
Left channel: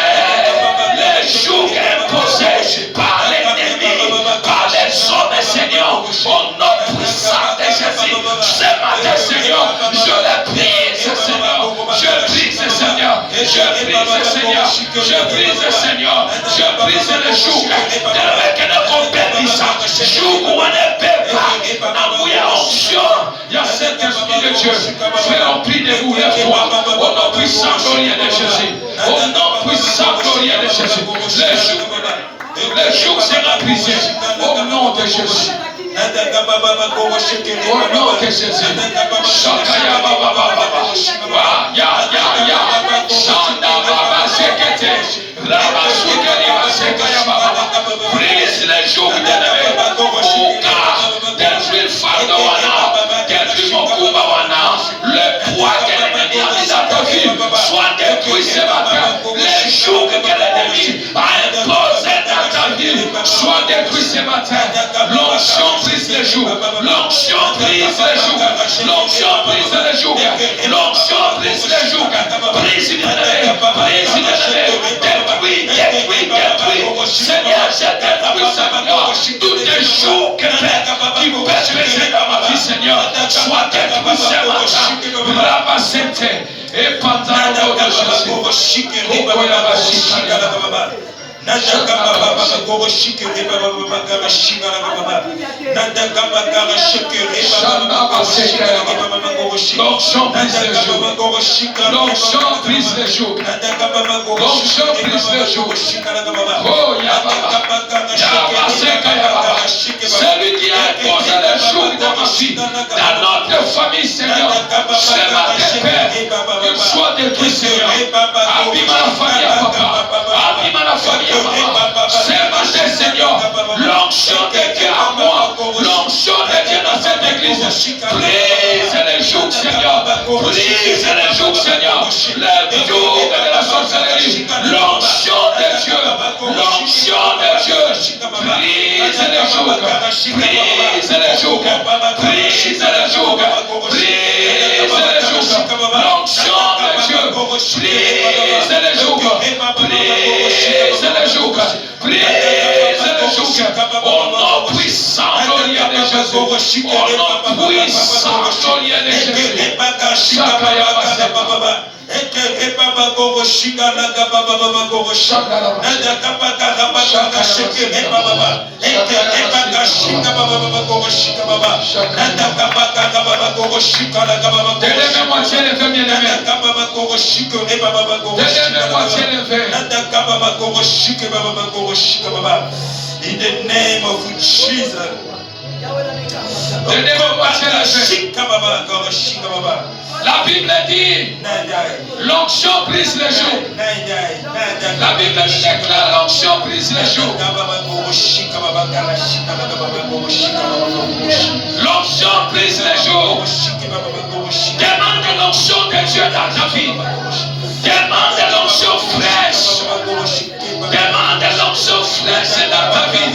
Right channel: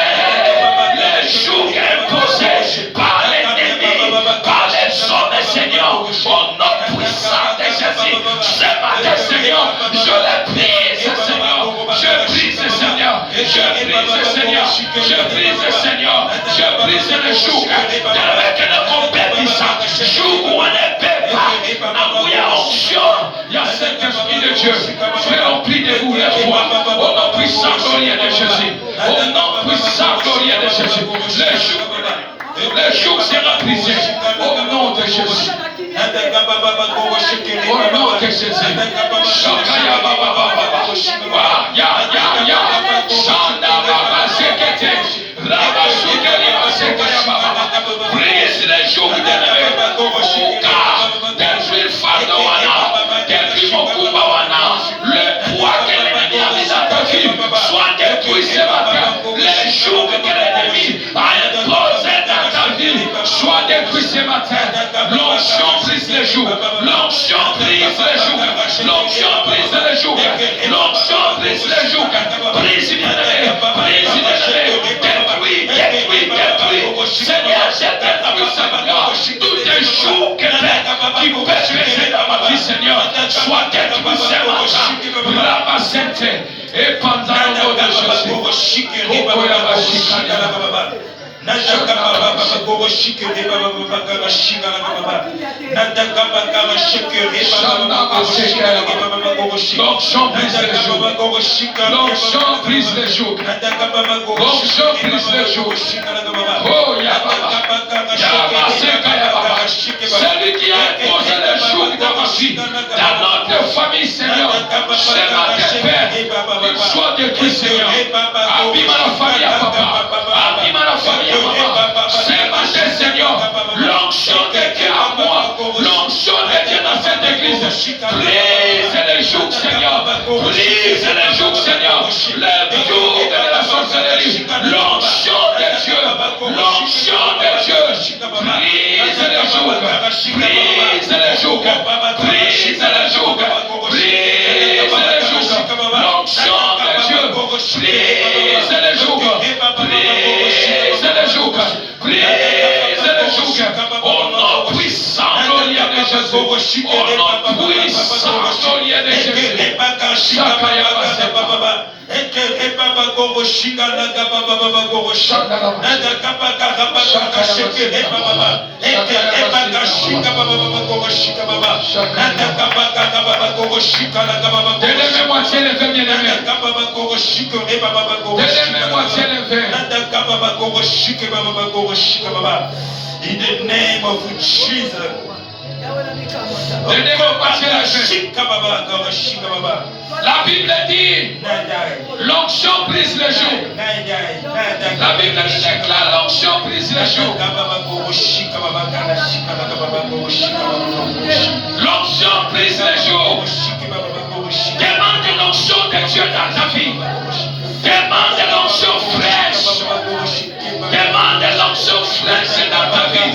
Les jours imposés par l'ennemi, par les hommes, Seigneur, au nom puissant de Jésus. Ce matin, Seigneur, je les brise, Seigneur. Je brise, Seigneur. Je brise, Seigneur. Je brise, Seigneur. Je brise les jours avec la compétition. Jour où on ne peut pas. Amour et onction. Il y a cet esprit de Dieu. Frère, on prie de vous les fois. Au nom puissant, glorieux de Jésus. Au nom puissant, glorieux de Jésus. Les jours seront brisés. Au nom de Jésus. Au nom de Jésus. Shakaya Baba Baba. Ya. Shanda Baba Sekete. Raba Sukeli Sekaya Baba. Brise les jours de au cas détruire fardeau wana. Détruire mon combat wana. Le poids que l'ennemi a mis à ta vie soit détruit ce matin. Les jours que l'ennemi a imposé dans ta vie soit détruit ce matin. L'onction brise les jours. L'onction brise les jours. L'onction brise les jours. L'onction brise les jours. Brise bien-aimé. Brise bien-aimé. Détruis. Seigneur, j'ai détruit Seigneur. Tous les jours qui pèsent dans ma vie, Seigneur, soient détruits ce matin. Ramasente. Et pendant le nom de Jésus. L'onction brise les jours. L'onction brise les jours. L'onction brise les jours. Oh Yababa. Celui qui a imposé les jours dans ma vie, dans notre famille, Seigneur, c'est ma Père, qu'il soit détruit, Seigneur. Abîme la famille à papa. Abîme la famille à maman. C'est ma Seigneur. L'onction de Dieu à moi. L'onction de Dieu dans cette église. Brise les jours, Seigneur. Brise les jours, Seigneur. Le jour de la sorcellerie. L'onction de Dieu. L'onction de Dieu. Brise les jours. Brise les jours. Brise les jours. Brise les jours. L'onction de Dieu. Brise les jours. Brise les jours. Brise les jours. Au nom puissant, glorieux de Jésus. Au nom puissant, glorieux de Jésus. Shakaya Baba. Eke baba gogo shinga na gaba baba gogo shinga na gaba gaba shaka sheke baba eke baba shinga baba gogo shinga baba na gaba baba gogo shinga na gaba baba deuxième moitié le premier aimé baba gogo shinga baba gogo deuxième moitié le fait na gaba baba gogo shinga baba gogo shinga baba in the name of Jesus. Deuxième moitié le fait baba gogo shinga baba. La Bible dit, l'onction brise les jours. La Bible déclare, l'onction brise les jours. L'onction brise les jours. Demande l'onction de Dieu dans ta vie. Demande l'onction fraîche. Demande l'onction fraîche dans ta vie.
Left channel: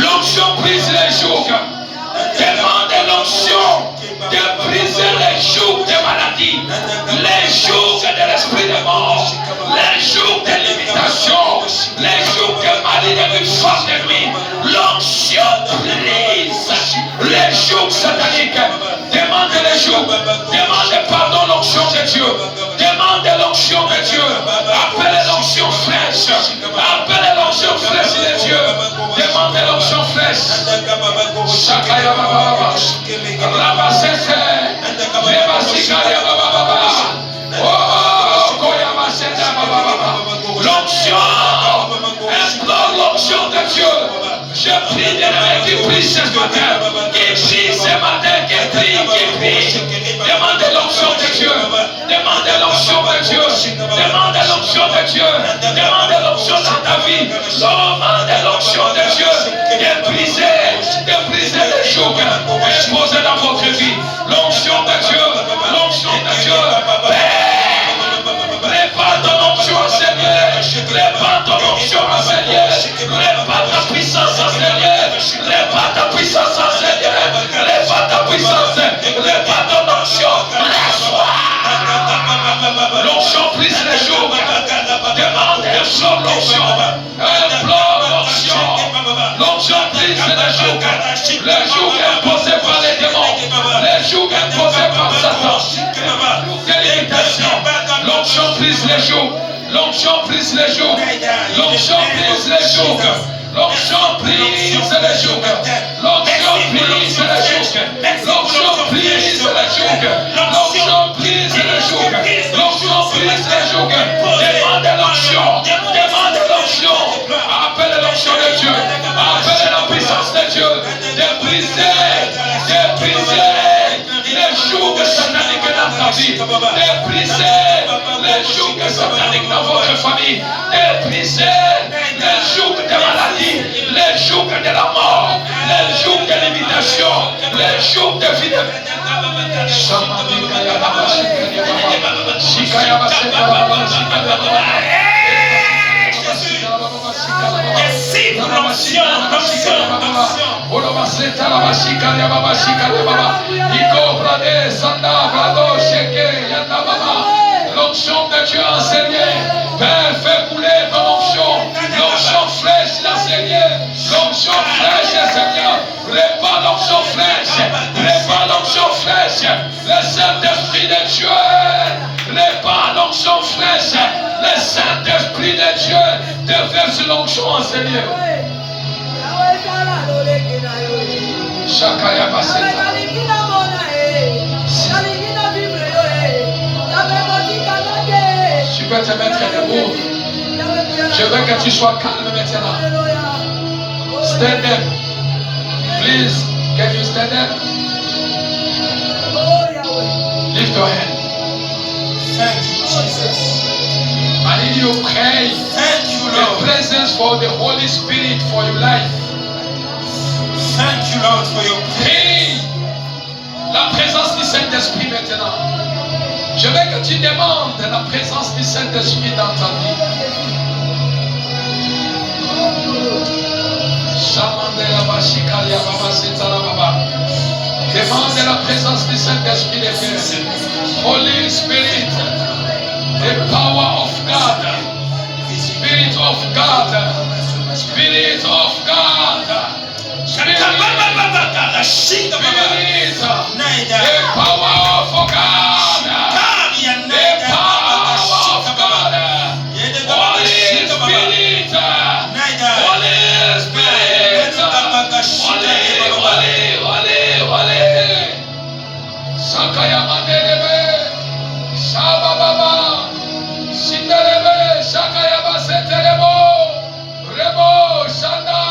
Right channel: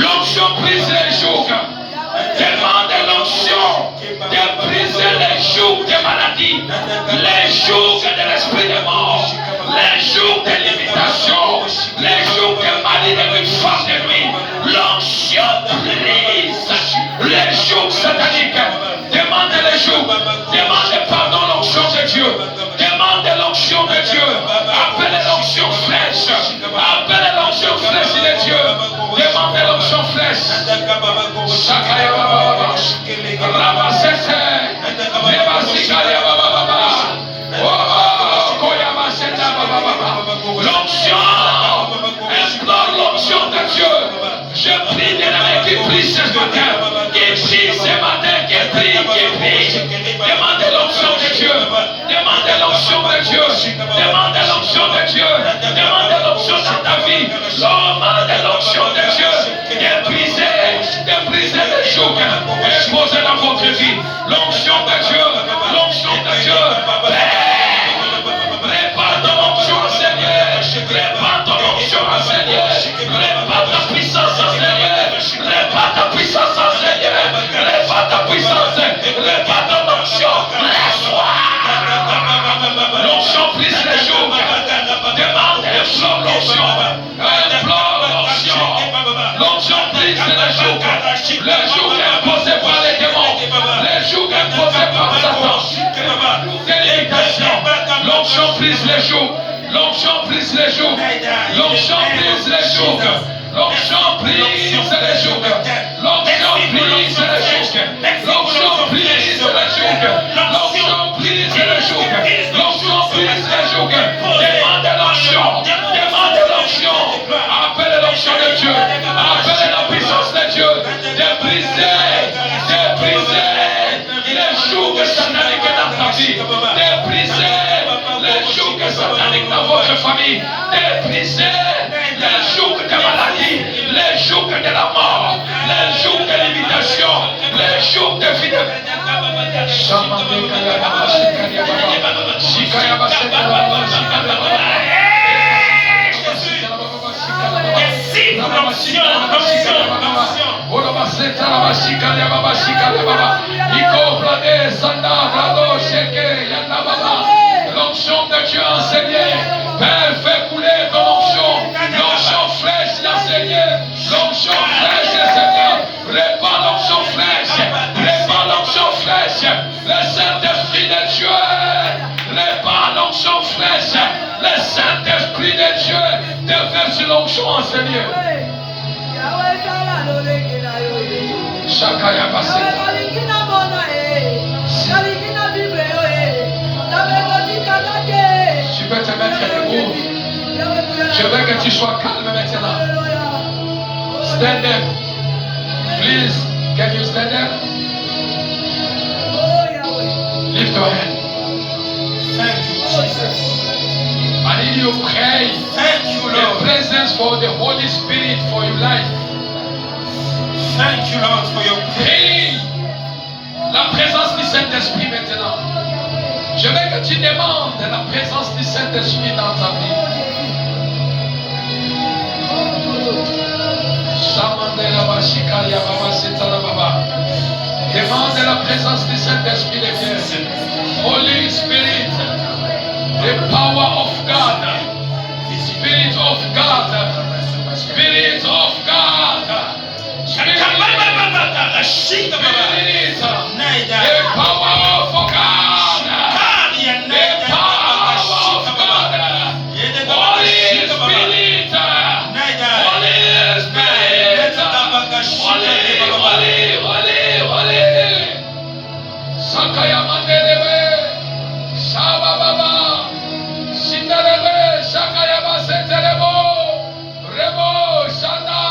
L'onction brise les jours. Demande l'onction de briser les jours de maladie, les jours de l'esprit de mort, les jours de limitation, les jours de maladie de force de nuit. L'onction brise les jours sataniques. Demande les jours, demande pardon l'onction de Dieu, demande l'onction de Dieu, appelle l'onction fraîche, appelle l'onction fraîche de Dieu, demande l'onction fraîche. Shakaya Baba, Ramasete, Lebasikaya Baba, oh, Koyamaseta Baba, l'onction, implore l'onction de Dieu. Je prie de l'homme qui prie ce matin, qui prie. Demande l'onction de Dieu, demande l'onction de Dieu, demande l'onction de Dieu, demande l'onction dans ta vie. L'onction de Dieu. L'onction de Dieu. Répand ton onction, Seigneur. Répand ton onction, Seigneur. Répand ta puissance, Seigneur. Répand ta puissance, Seigneur. Répand ta puissance. Répand ton onction. L'onction brise les jours. Demande et implore l'onction. Implore l'onction. L'onction brise les jours. Le joug imposé par les démons. Le joug imposé par Satan. L'onction brise les jours. L'onction brise les jours. L'onction brise les jours. L'onction brise les jours. L'onction brise les jours. L'onction brise les jours. L'onction brise les jours. L'onction brise les jours. Demande l'onction. Demande l'onction. Appelle l'onction de Dieu. Appelle la puissance de Dieu. De briser. De briser les jours sataniques dans ta vie. De briser les jours sataniques dans votre famille. De briser les jours de maladie. Les jours de la mort. Les jours de l'imitation. Les jours de vie. L'onction de Dieu enseigné. Père, fais couler ton onction. L'onction fraîche, Seigneur. L'onction fraîche, Seigneur. Répand l'onction fraîche. Répand l'onction fraîche. Le Saint-Esprit de Dieu. Répand l'onction fraîche. Le Saint-Esprit de Dieu déverse l'onction en Seigneur. Chacun a passé. Tu veux te mettre debout. Je veux que tu sois calme maintenant. Stand up. Please, can you stand up? Lift your hand. Thank you, Jesus. I need you to pray. Thank you, The Lord. presence for the Holy Spirit for your life. Thank you, Lord, for your prayer. Prie la présence du Saint-Esprit maintenant. Je veux que tu demandes la présence du Saint-Esprit dans ta vie. Demande la présence du Saint-Esprit de Dieu. Holy Spirit, the power of God, Spirit of God, Spirit of God, Spirit, the power of God, the power of God, Holy Spirit, Holy Spirit, Holy, Sakaya Mandelebe, Shaba Baba, Sindarebe, Shakaya Basetelebo, Rebo, Shanda,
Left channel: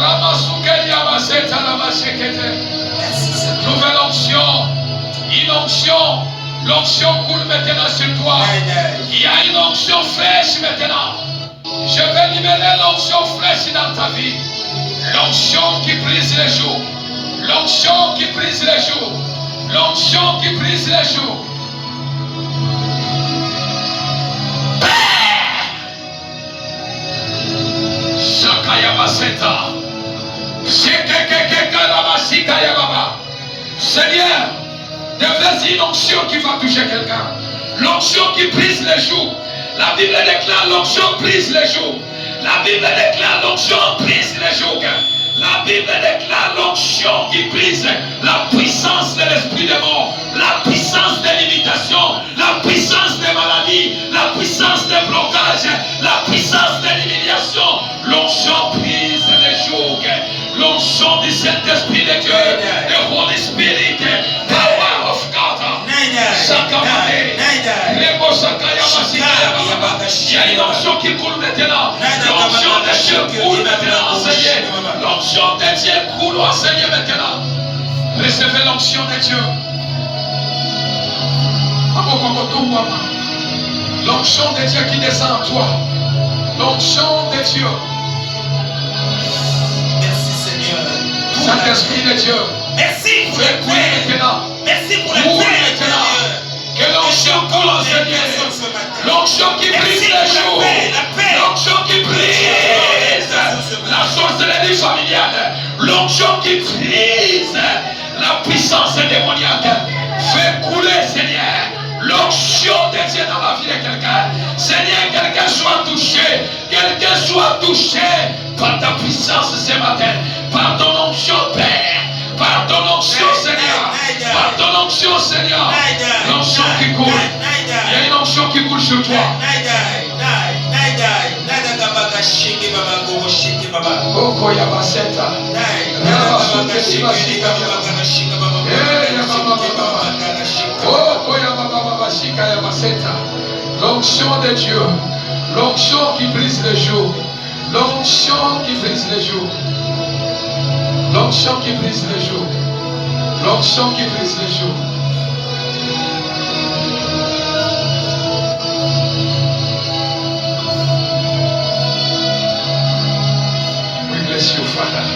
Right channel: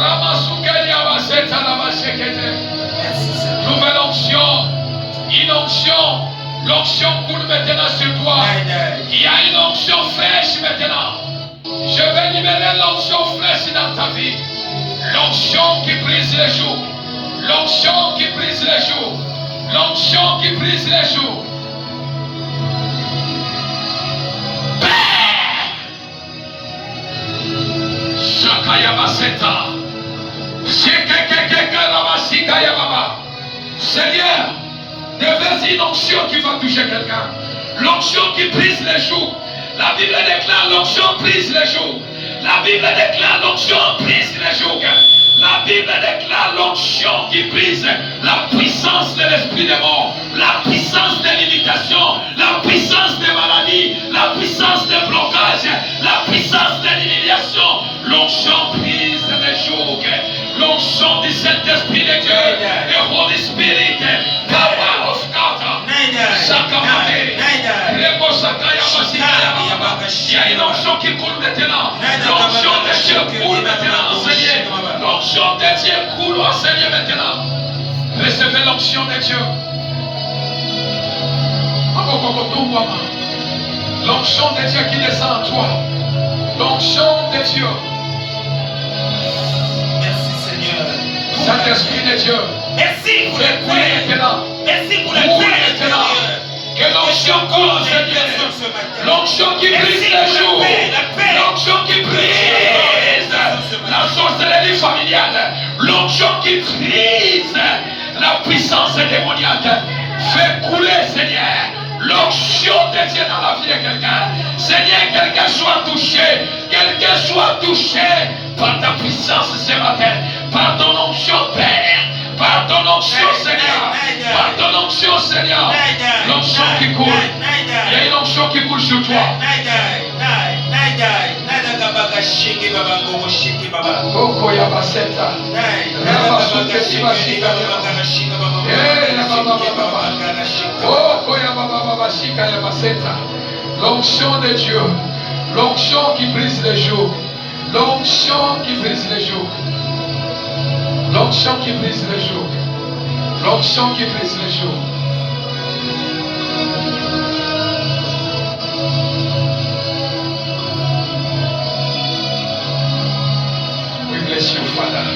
Ramasukeria Basetana Bashekete. Nouvelle onction, une onction, l'onction coule maintenant sur toi. Il y a une onction fraîche maintenant. Je vais libérer l'onction fraîche dans ta vie. L'onction qui brise les jours. L'onction qui brise les jours. L'onction qui brise les jours. Shakayabaseta. Shekekekekarabasikayababa. Seigneur, déverse une onction qui va toucher quelqu'un. L'onction qui brise les jours. La Bible déclare l'onction brise les jours. La Bible déclare l'onction brise les jours. La Bible déclare l'onction qui brise la puissance de l'esprit de mort, la puissance de l'imitation, la puissance des maladies, la puissance des blocages, la puissance de l'humiliation. L'onction brise les jours. L'onction du Saint-Esprit de Dieu, the Holy Spirit, power of God. Sakamane, Rebo Sakaya Basikaya. Il y a une onction qui coule maintenant. L'onction de Dieu coule maintenant, Seigneur. L'onction de Dieu coule, Seigneur, maintenant. Recevez l'onction de Dieu. L'onction de Dieu qui descend en toi. L'onction de Dieu. Merci, Seigneur. Saint-Esprit de Dieu. Merci pour les maintenant. L'onction qui brise les jours. L'onction qui brise la sorcellerie familiale. L'onction qui brise la puissance démoniaque. Fais couler, Seigneur, l'onction de Dieu dans la vie de quelqu'un. Seigneur, quelqu'un soit touché. Quelqu'un soit touché par ta puissance ce matin. Par ton onction, Père. Par ton onction, Seigneur. Par ton onction, Seigneur. L'onction qui coule. Il y a une onction qui coule sur toi. Oh, Yabaseta. L'onction de Dieu. L'onction qui brise les jours. L'onction qui brise les jours. L'onction qui brise les jours. L'onction qui brise les jours. We bless you, Father.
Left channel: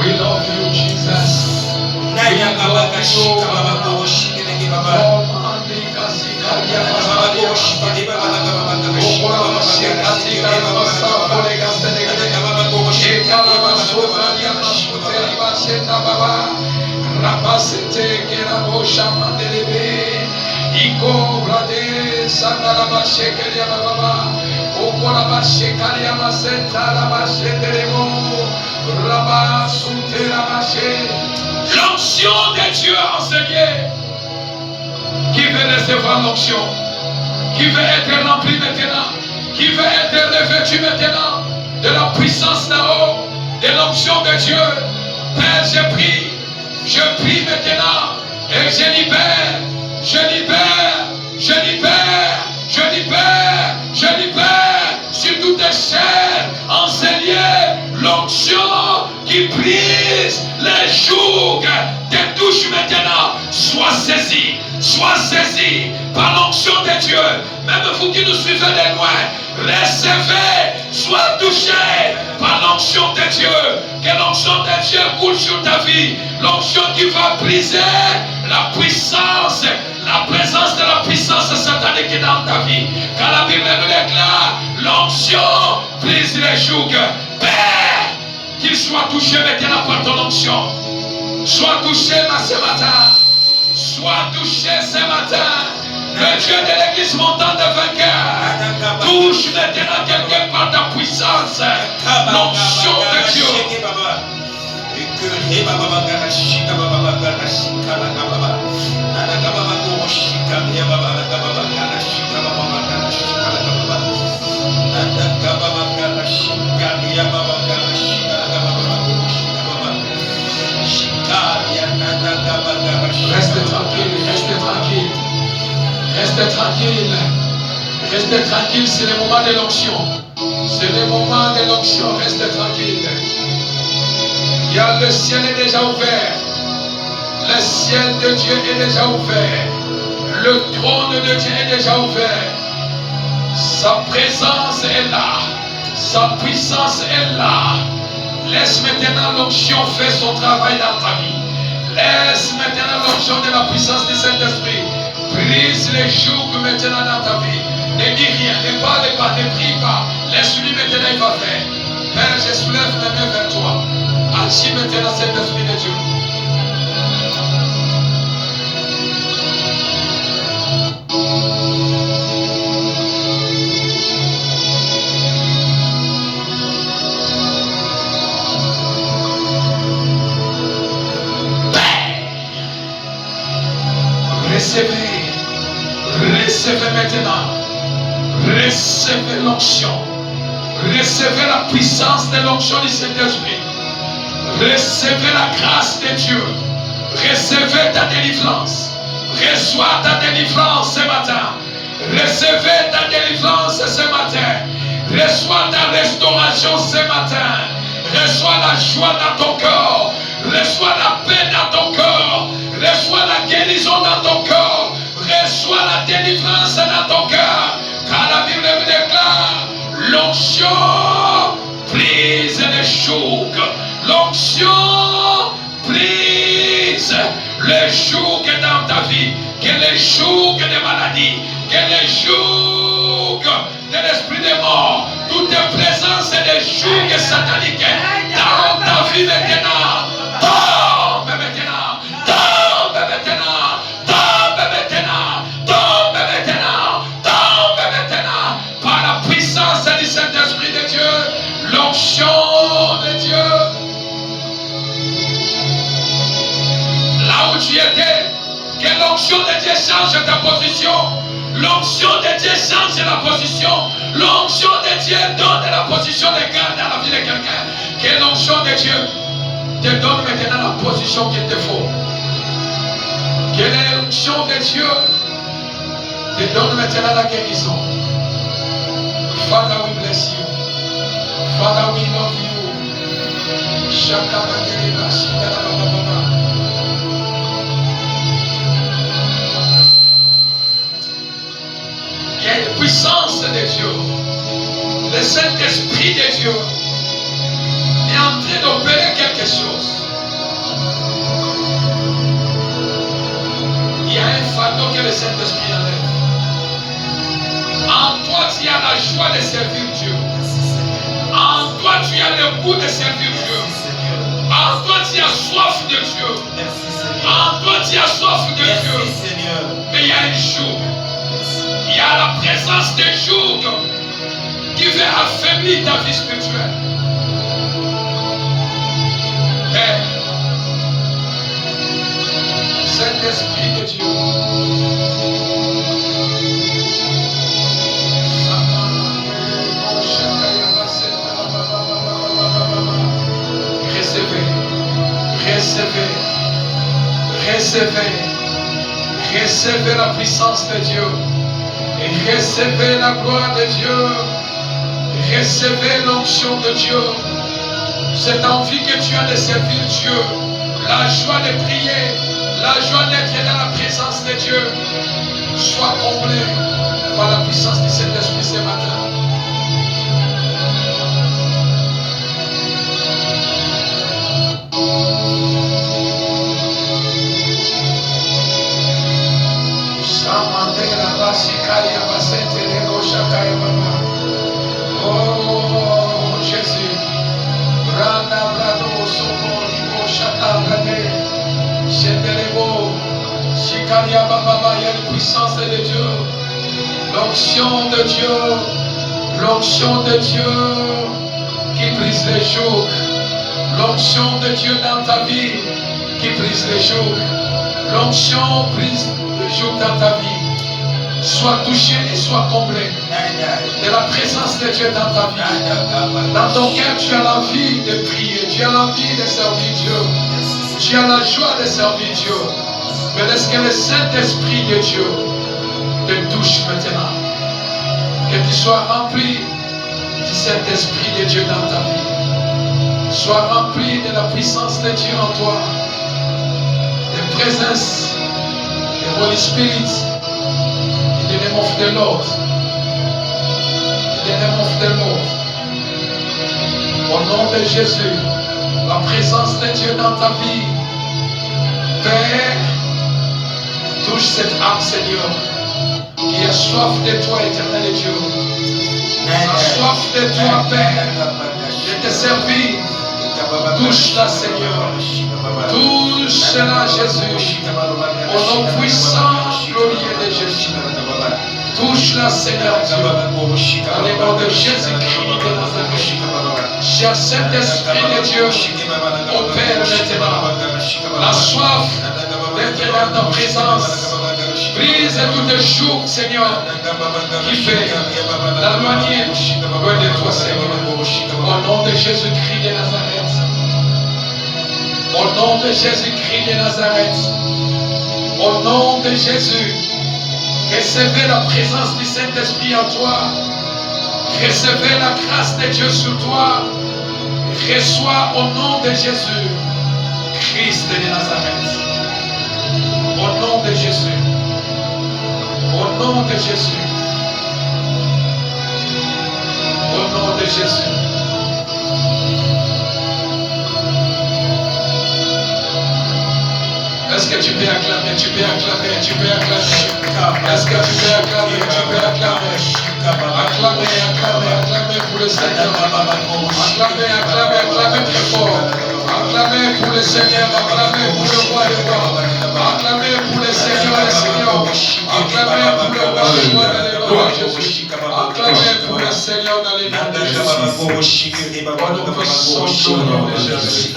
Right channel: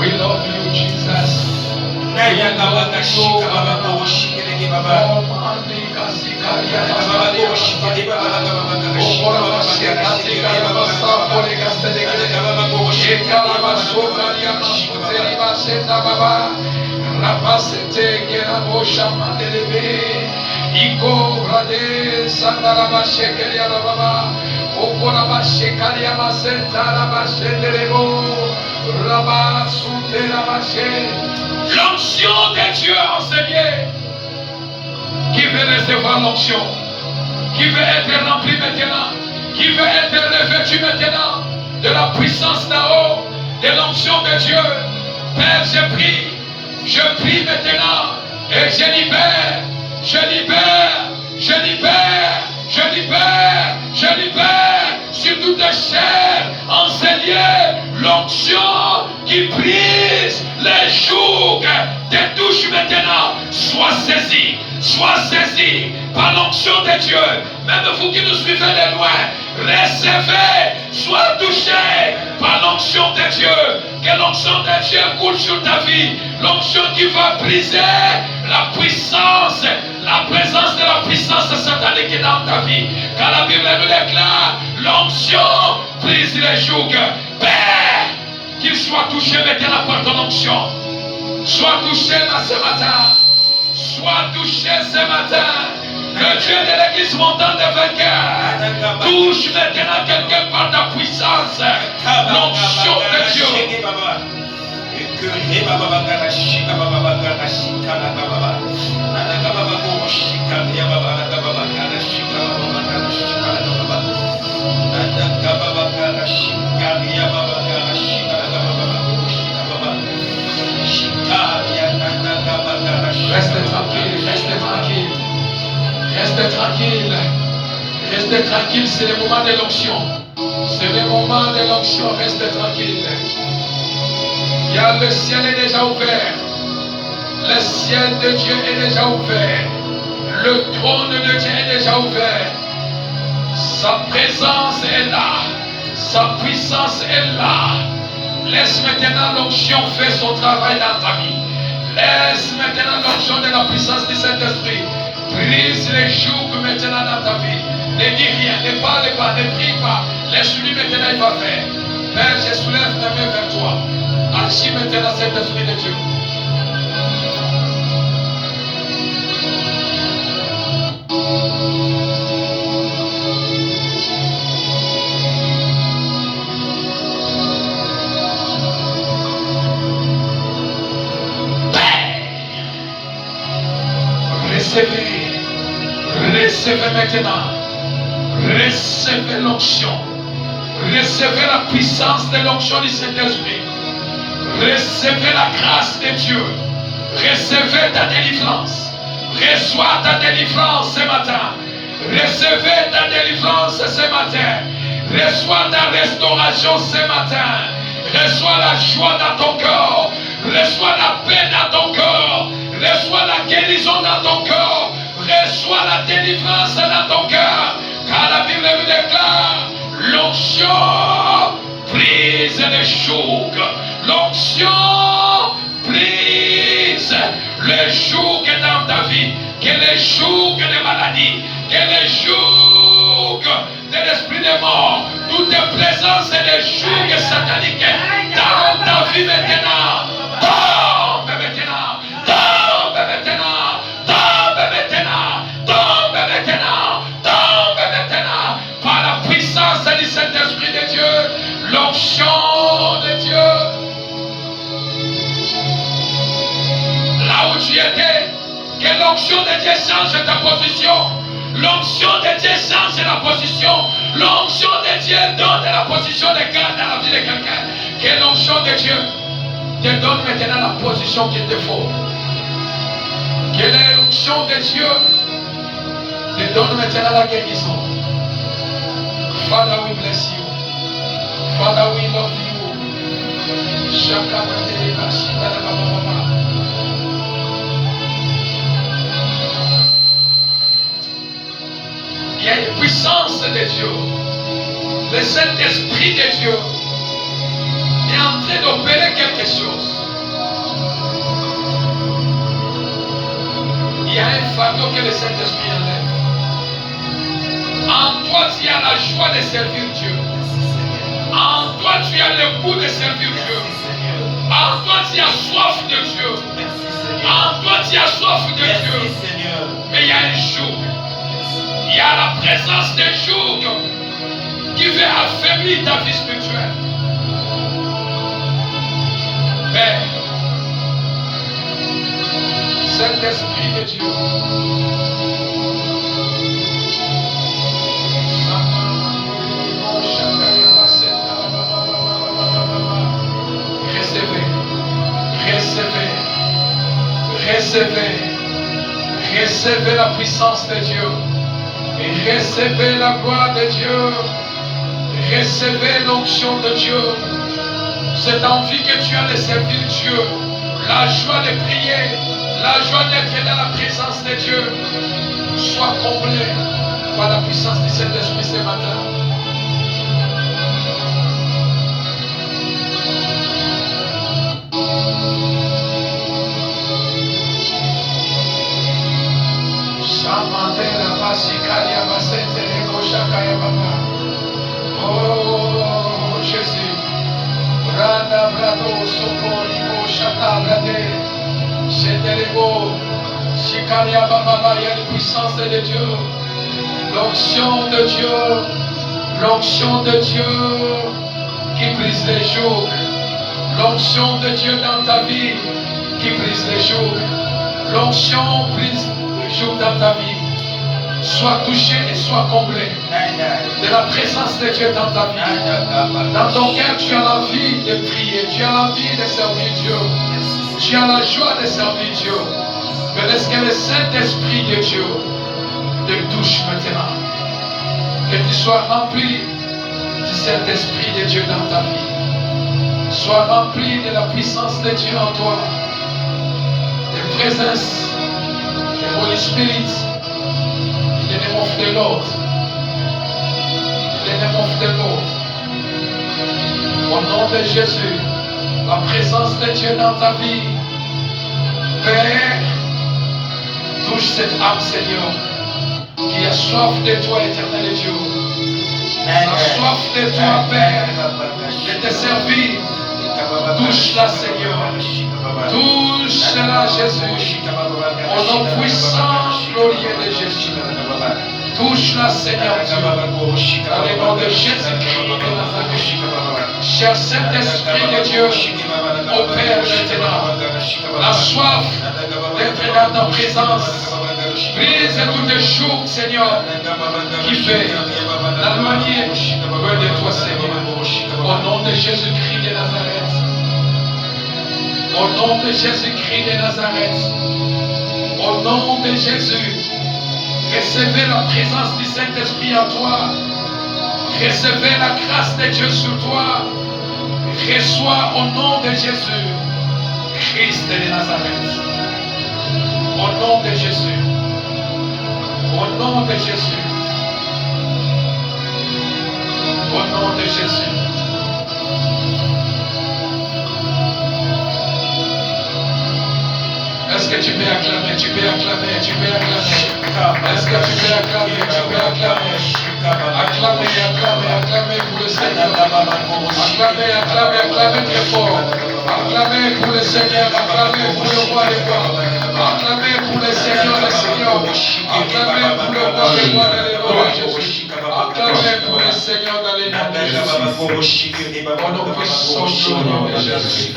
We love you, Jesus. L'onction de Dieu enseigné, qui veut recevoir l'onction, qui veut être rempli maintenant, qui veut être revêtu maintenant de la puissance d'en haut, de l'onction de Dieu. Père, je prie maintenant et je libère sur toute chair enseignée l'onction qui brise les jougs. Te touche maintenant. Sois saisi par l'onction de Dieu. Même vous qui nous suivez de loin, recevez, sois touché par l'onction de Dieu. Que l'onction de Dieu coule sur ta vie. L'onction qui va briser la puissance, la présence de la puissance satanique dans ta vie. Car la Bible nous déclare, l'onction brise les jougs. Père, qu'il soit touché maintenant par ton onction. Sois touché ce matin. Sois touché ce matin. Le Dieu de l'église montant de vainqueur. Touche maintenant quelqu'un par ta puissance. L'onction de Dieu. Restez tranquille, c'est le moment de l'onction. C'est le moment de l'onction, restez tranquille. Il y a le ciel est déjà ouvert. Le ciel de Dieu est déjà ouvert. Le trône de Dieu est déjà ouvert. Sa présence est là. Sa puissance est là. Laisse maintenant l'onction faire son travail dans ta vie. Laisse maintenant l'onction de la puissance du Saint-Esprit. Brise les jougs maintenant dans ta vie. Ne dis rien, ne parle pas, ne prie pas. Laisse-lui maintenant, il va faire. Père, je soulève mes mains vers toi. Agis maintenant cet esprit de Dieu. Recevez maintenant. Recevez l'onction. Recevez la puissance de l'onction du Saint-Esprit. Recevez la grâce de Dieu. Recevez ta délivrance. Reçois ta délivrance ce matin. Recevez ta délivrance ce matin. Reçois ta restauration ce matin. Reçois la joie dans ton corps. Reçois la paix dans ton corps. Reçois la guérison dans ton corps. Reçois la délivrance dans ton cœur. Car la Bible nous déclare, l'onction brise les jougs. L'onction brise les jougs dans ta vie. Que les jougs de maladie, Que les jougs de l'esprit des morts, toutes les présences et les jougs sataniques dans ta vie maintenant, tombe maintenant, tombe maintenant, tombe maintenant, tombe maintenant, tombe maintenant, par la puissance du Saint-Esprit de Dieu, l'onction de Dieu. Là où tu étais, que l'onction de Dieu change ta position. L'onction de Dieu change la position. L'onction de Dieu donne la position de garde dans la vie de quelqu'un. Que l'onction de Dieu te donne maintenant la position qu'il te faut. Que l'onction de Dieu te donne maintenant la guérison. Father, we bless you. Father, we love you. Il y a une puissance de Dieu. Le Saint-Esprit de Dieu est en train d'opérer quelque chose. Il y a un fardeau que le Saint-Esprit enlève. En toi, tu as la joie de servir Dieu. En toi, tu as le goût de servir Dieu. En toi, tu as soif de Dieu. En toi, tu as soif de Dieu. Mais il y a un jour. Il y a la présence des jours qui veut affaiblir ta vie spirituelle. Père, Saint-Esprit de Dieu, recevez la puissance de Dieu. Et recevez la gloire de Dieu. Recevez l'onction de Dieu. Cette envie que tu as de servir Dieu. La joie de prier. La joie d'être dans la présence de Dieu. Sois comblé par la puissance du Saint-Esprit ce matin. Oh Jésus, il y a une puissance de Dieu, l'onction de Dieu, l'onction de Dieu qui brise les jours, l'onction de Dieu dans ta vie qui brise les jours, l'onction brise les jours dans ta vie. Sois touché et sois comblé de la présence de Dieu dans ta vie. Dans ton cœur, tu as l'envie de prier, tu as l'envie de servir Dieu, tu as la joie de servir Dieu. Mais laisse que le Saint-Esprit de Dieu te touche maintenant. Que tu sois rempli du Saint-Esprit de Dieu dans ta vie. Sois rempli de la puissance de Dieu en toi. De présence, de Holy Spirit. In the name of the Lord. In the name of the Lord. Au nom de Jésus, la présence de Dieu dans ta vie. Père, touche cette âme, Seigneur, qui a soif de toi, éternel Dieu. A soif de toi, Père, de te servir. Touche-la, Seigneur. Touche-la, Jésus. Au nom puissant, glorieux de Jésus. Touche-la, Seigneur Dieu. Dans le nom de Jésus-Christ de Nazareth. Cher Saint-Esprit de Dieu, opère maintenant la soif d'être dans ta présence. Brise tous les jours, Seigneur, qui fait la manière de toi, Seigneur. Au nom de Jésus-Christ de Nazareth. Au nom de Jésus-Christ de Nazareth. Au nom de Jésus. Recevez la présence du Saint-Esprit en toi. Recevez la grâce de Dieu sur toi. Reçois au nom de Jésus, Christ de Nazareth. Au nom de Jésus. Au nom de Jésus. Au nom de Jésus. Est-ce que tu peux acclamer, tu peux acclamer, tu peux acclamer. Est-ce que tu peux acclamer, tu peux acclamer. Acclamer, acclamer, acclamer pour le Seigneur. Acclamer, acclamer, acclamer très fort. Acclamer pour le Seigneur, acclamer pour le roi des rois. Acclamer pour le Seigneur des seigneurs. Acclamer pour le roi des rois dans les noms de Jésus. Acclamer pour le Seigneur dans les noms de Jésus. Au nom puissant du nom de Jésus.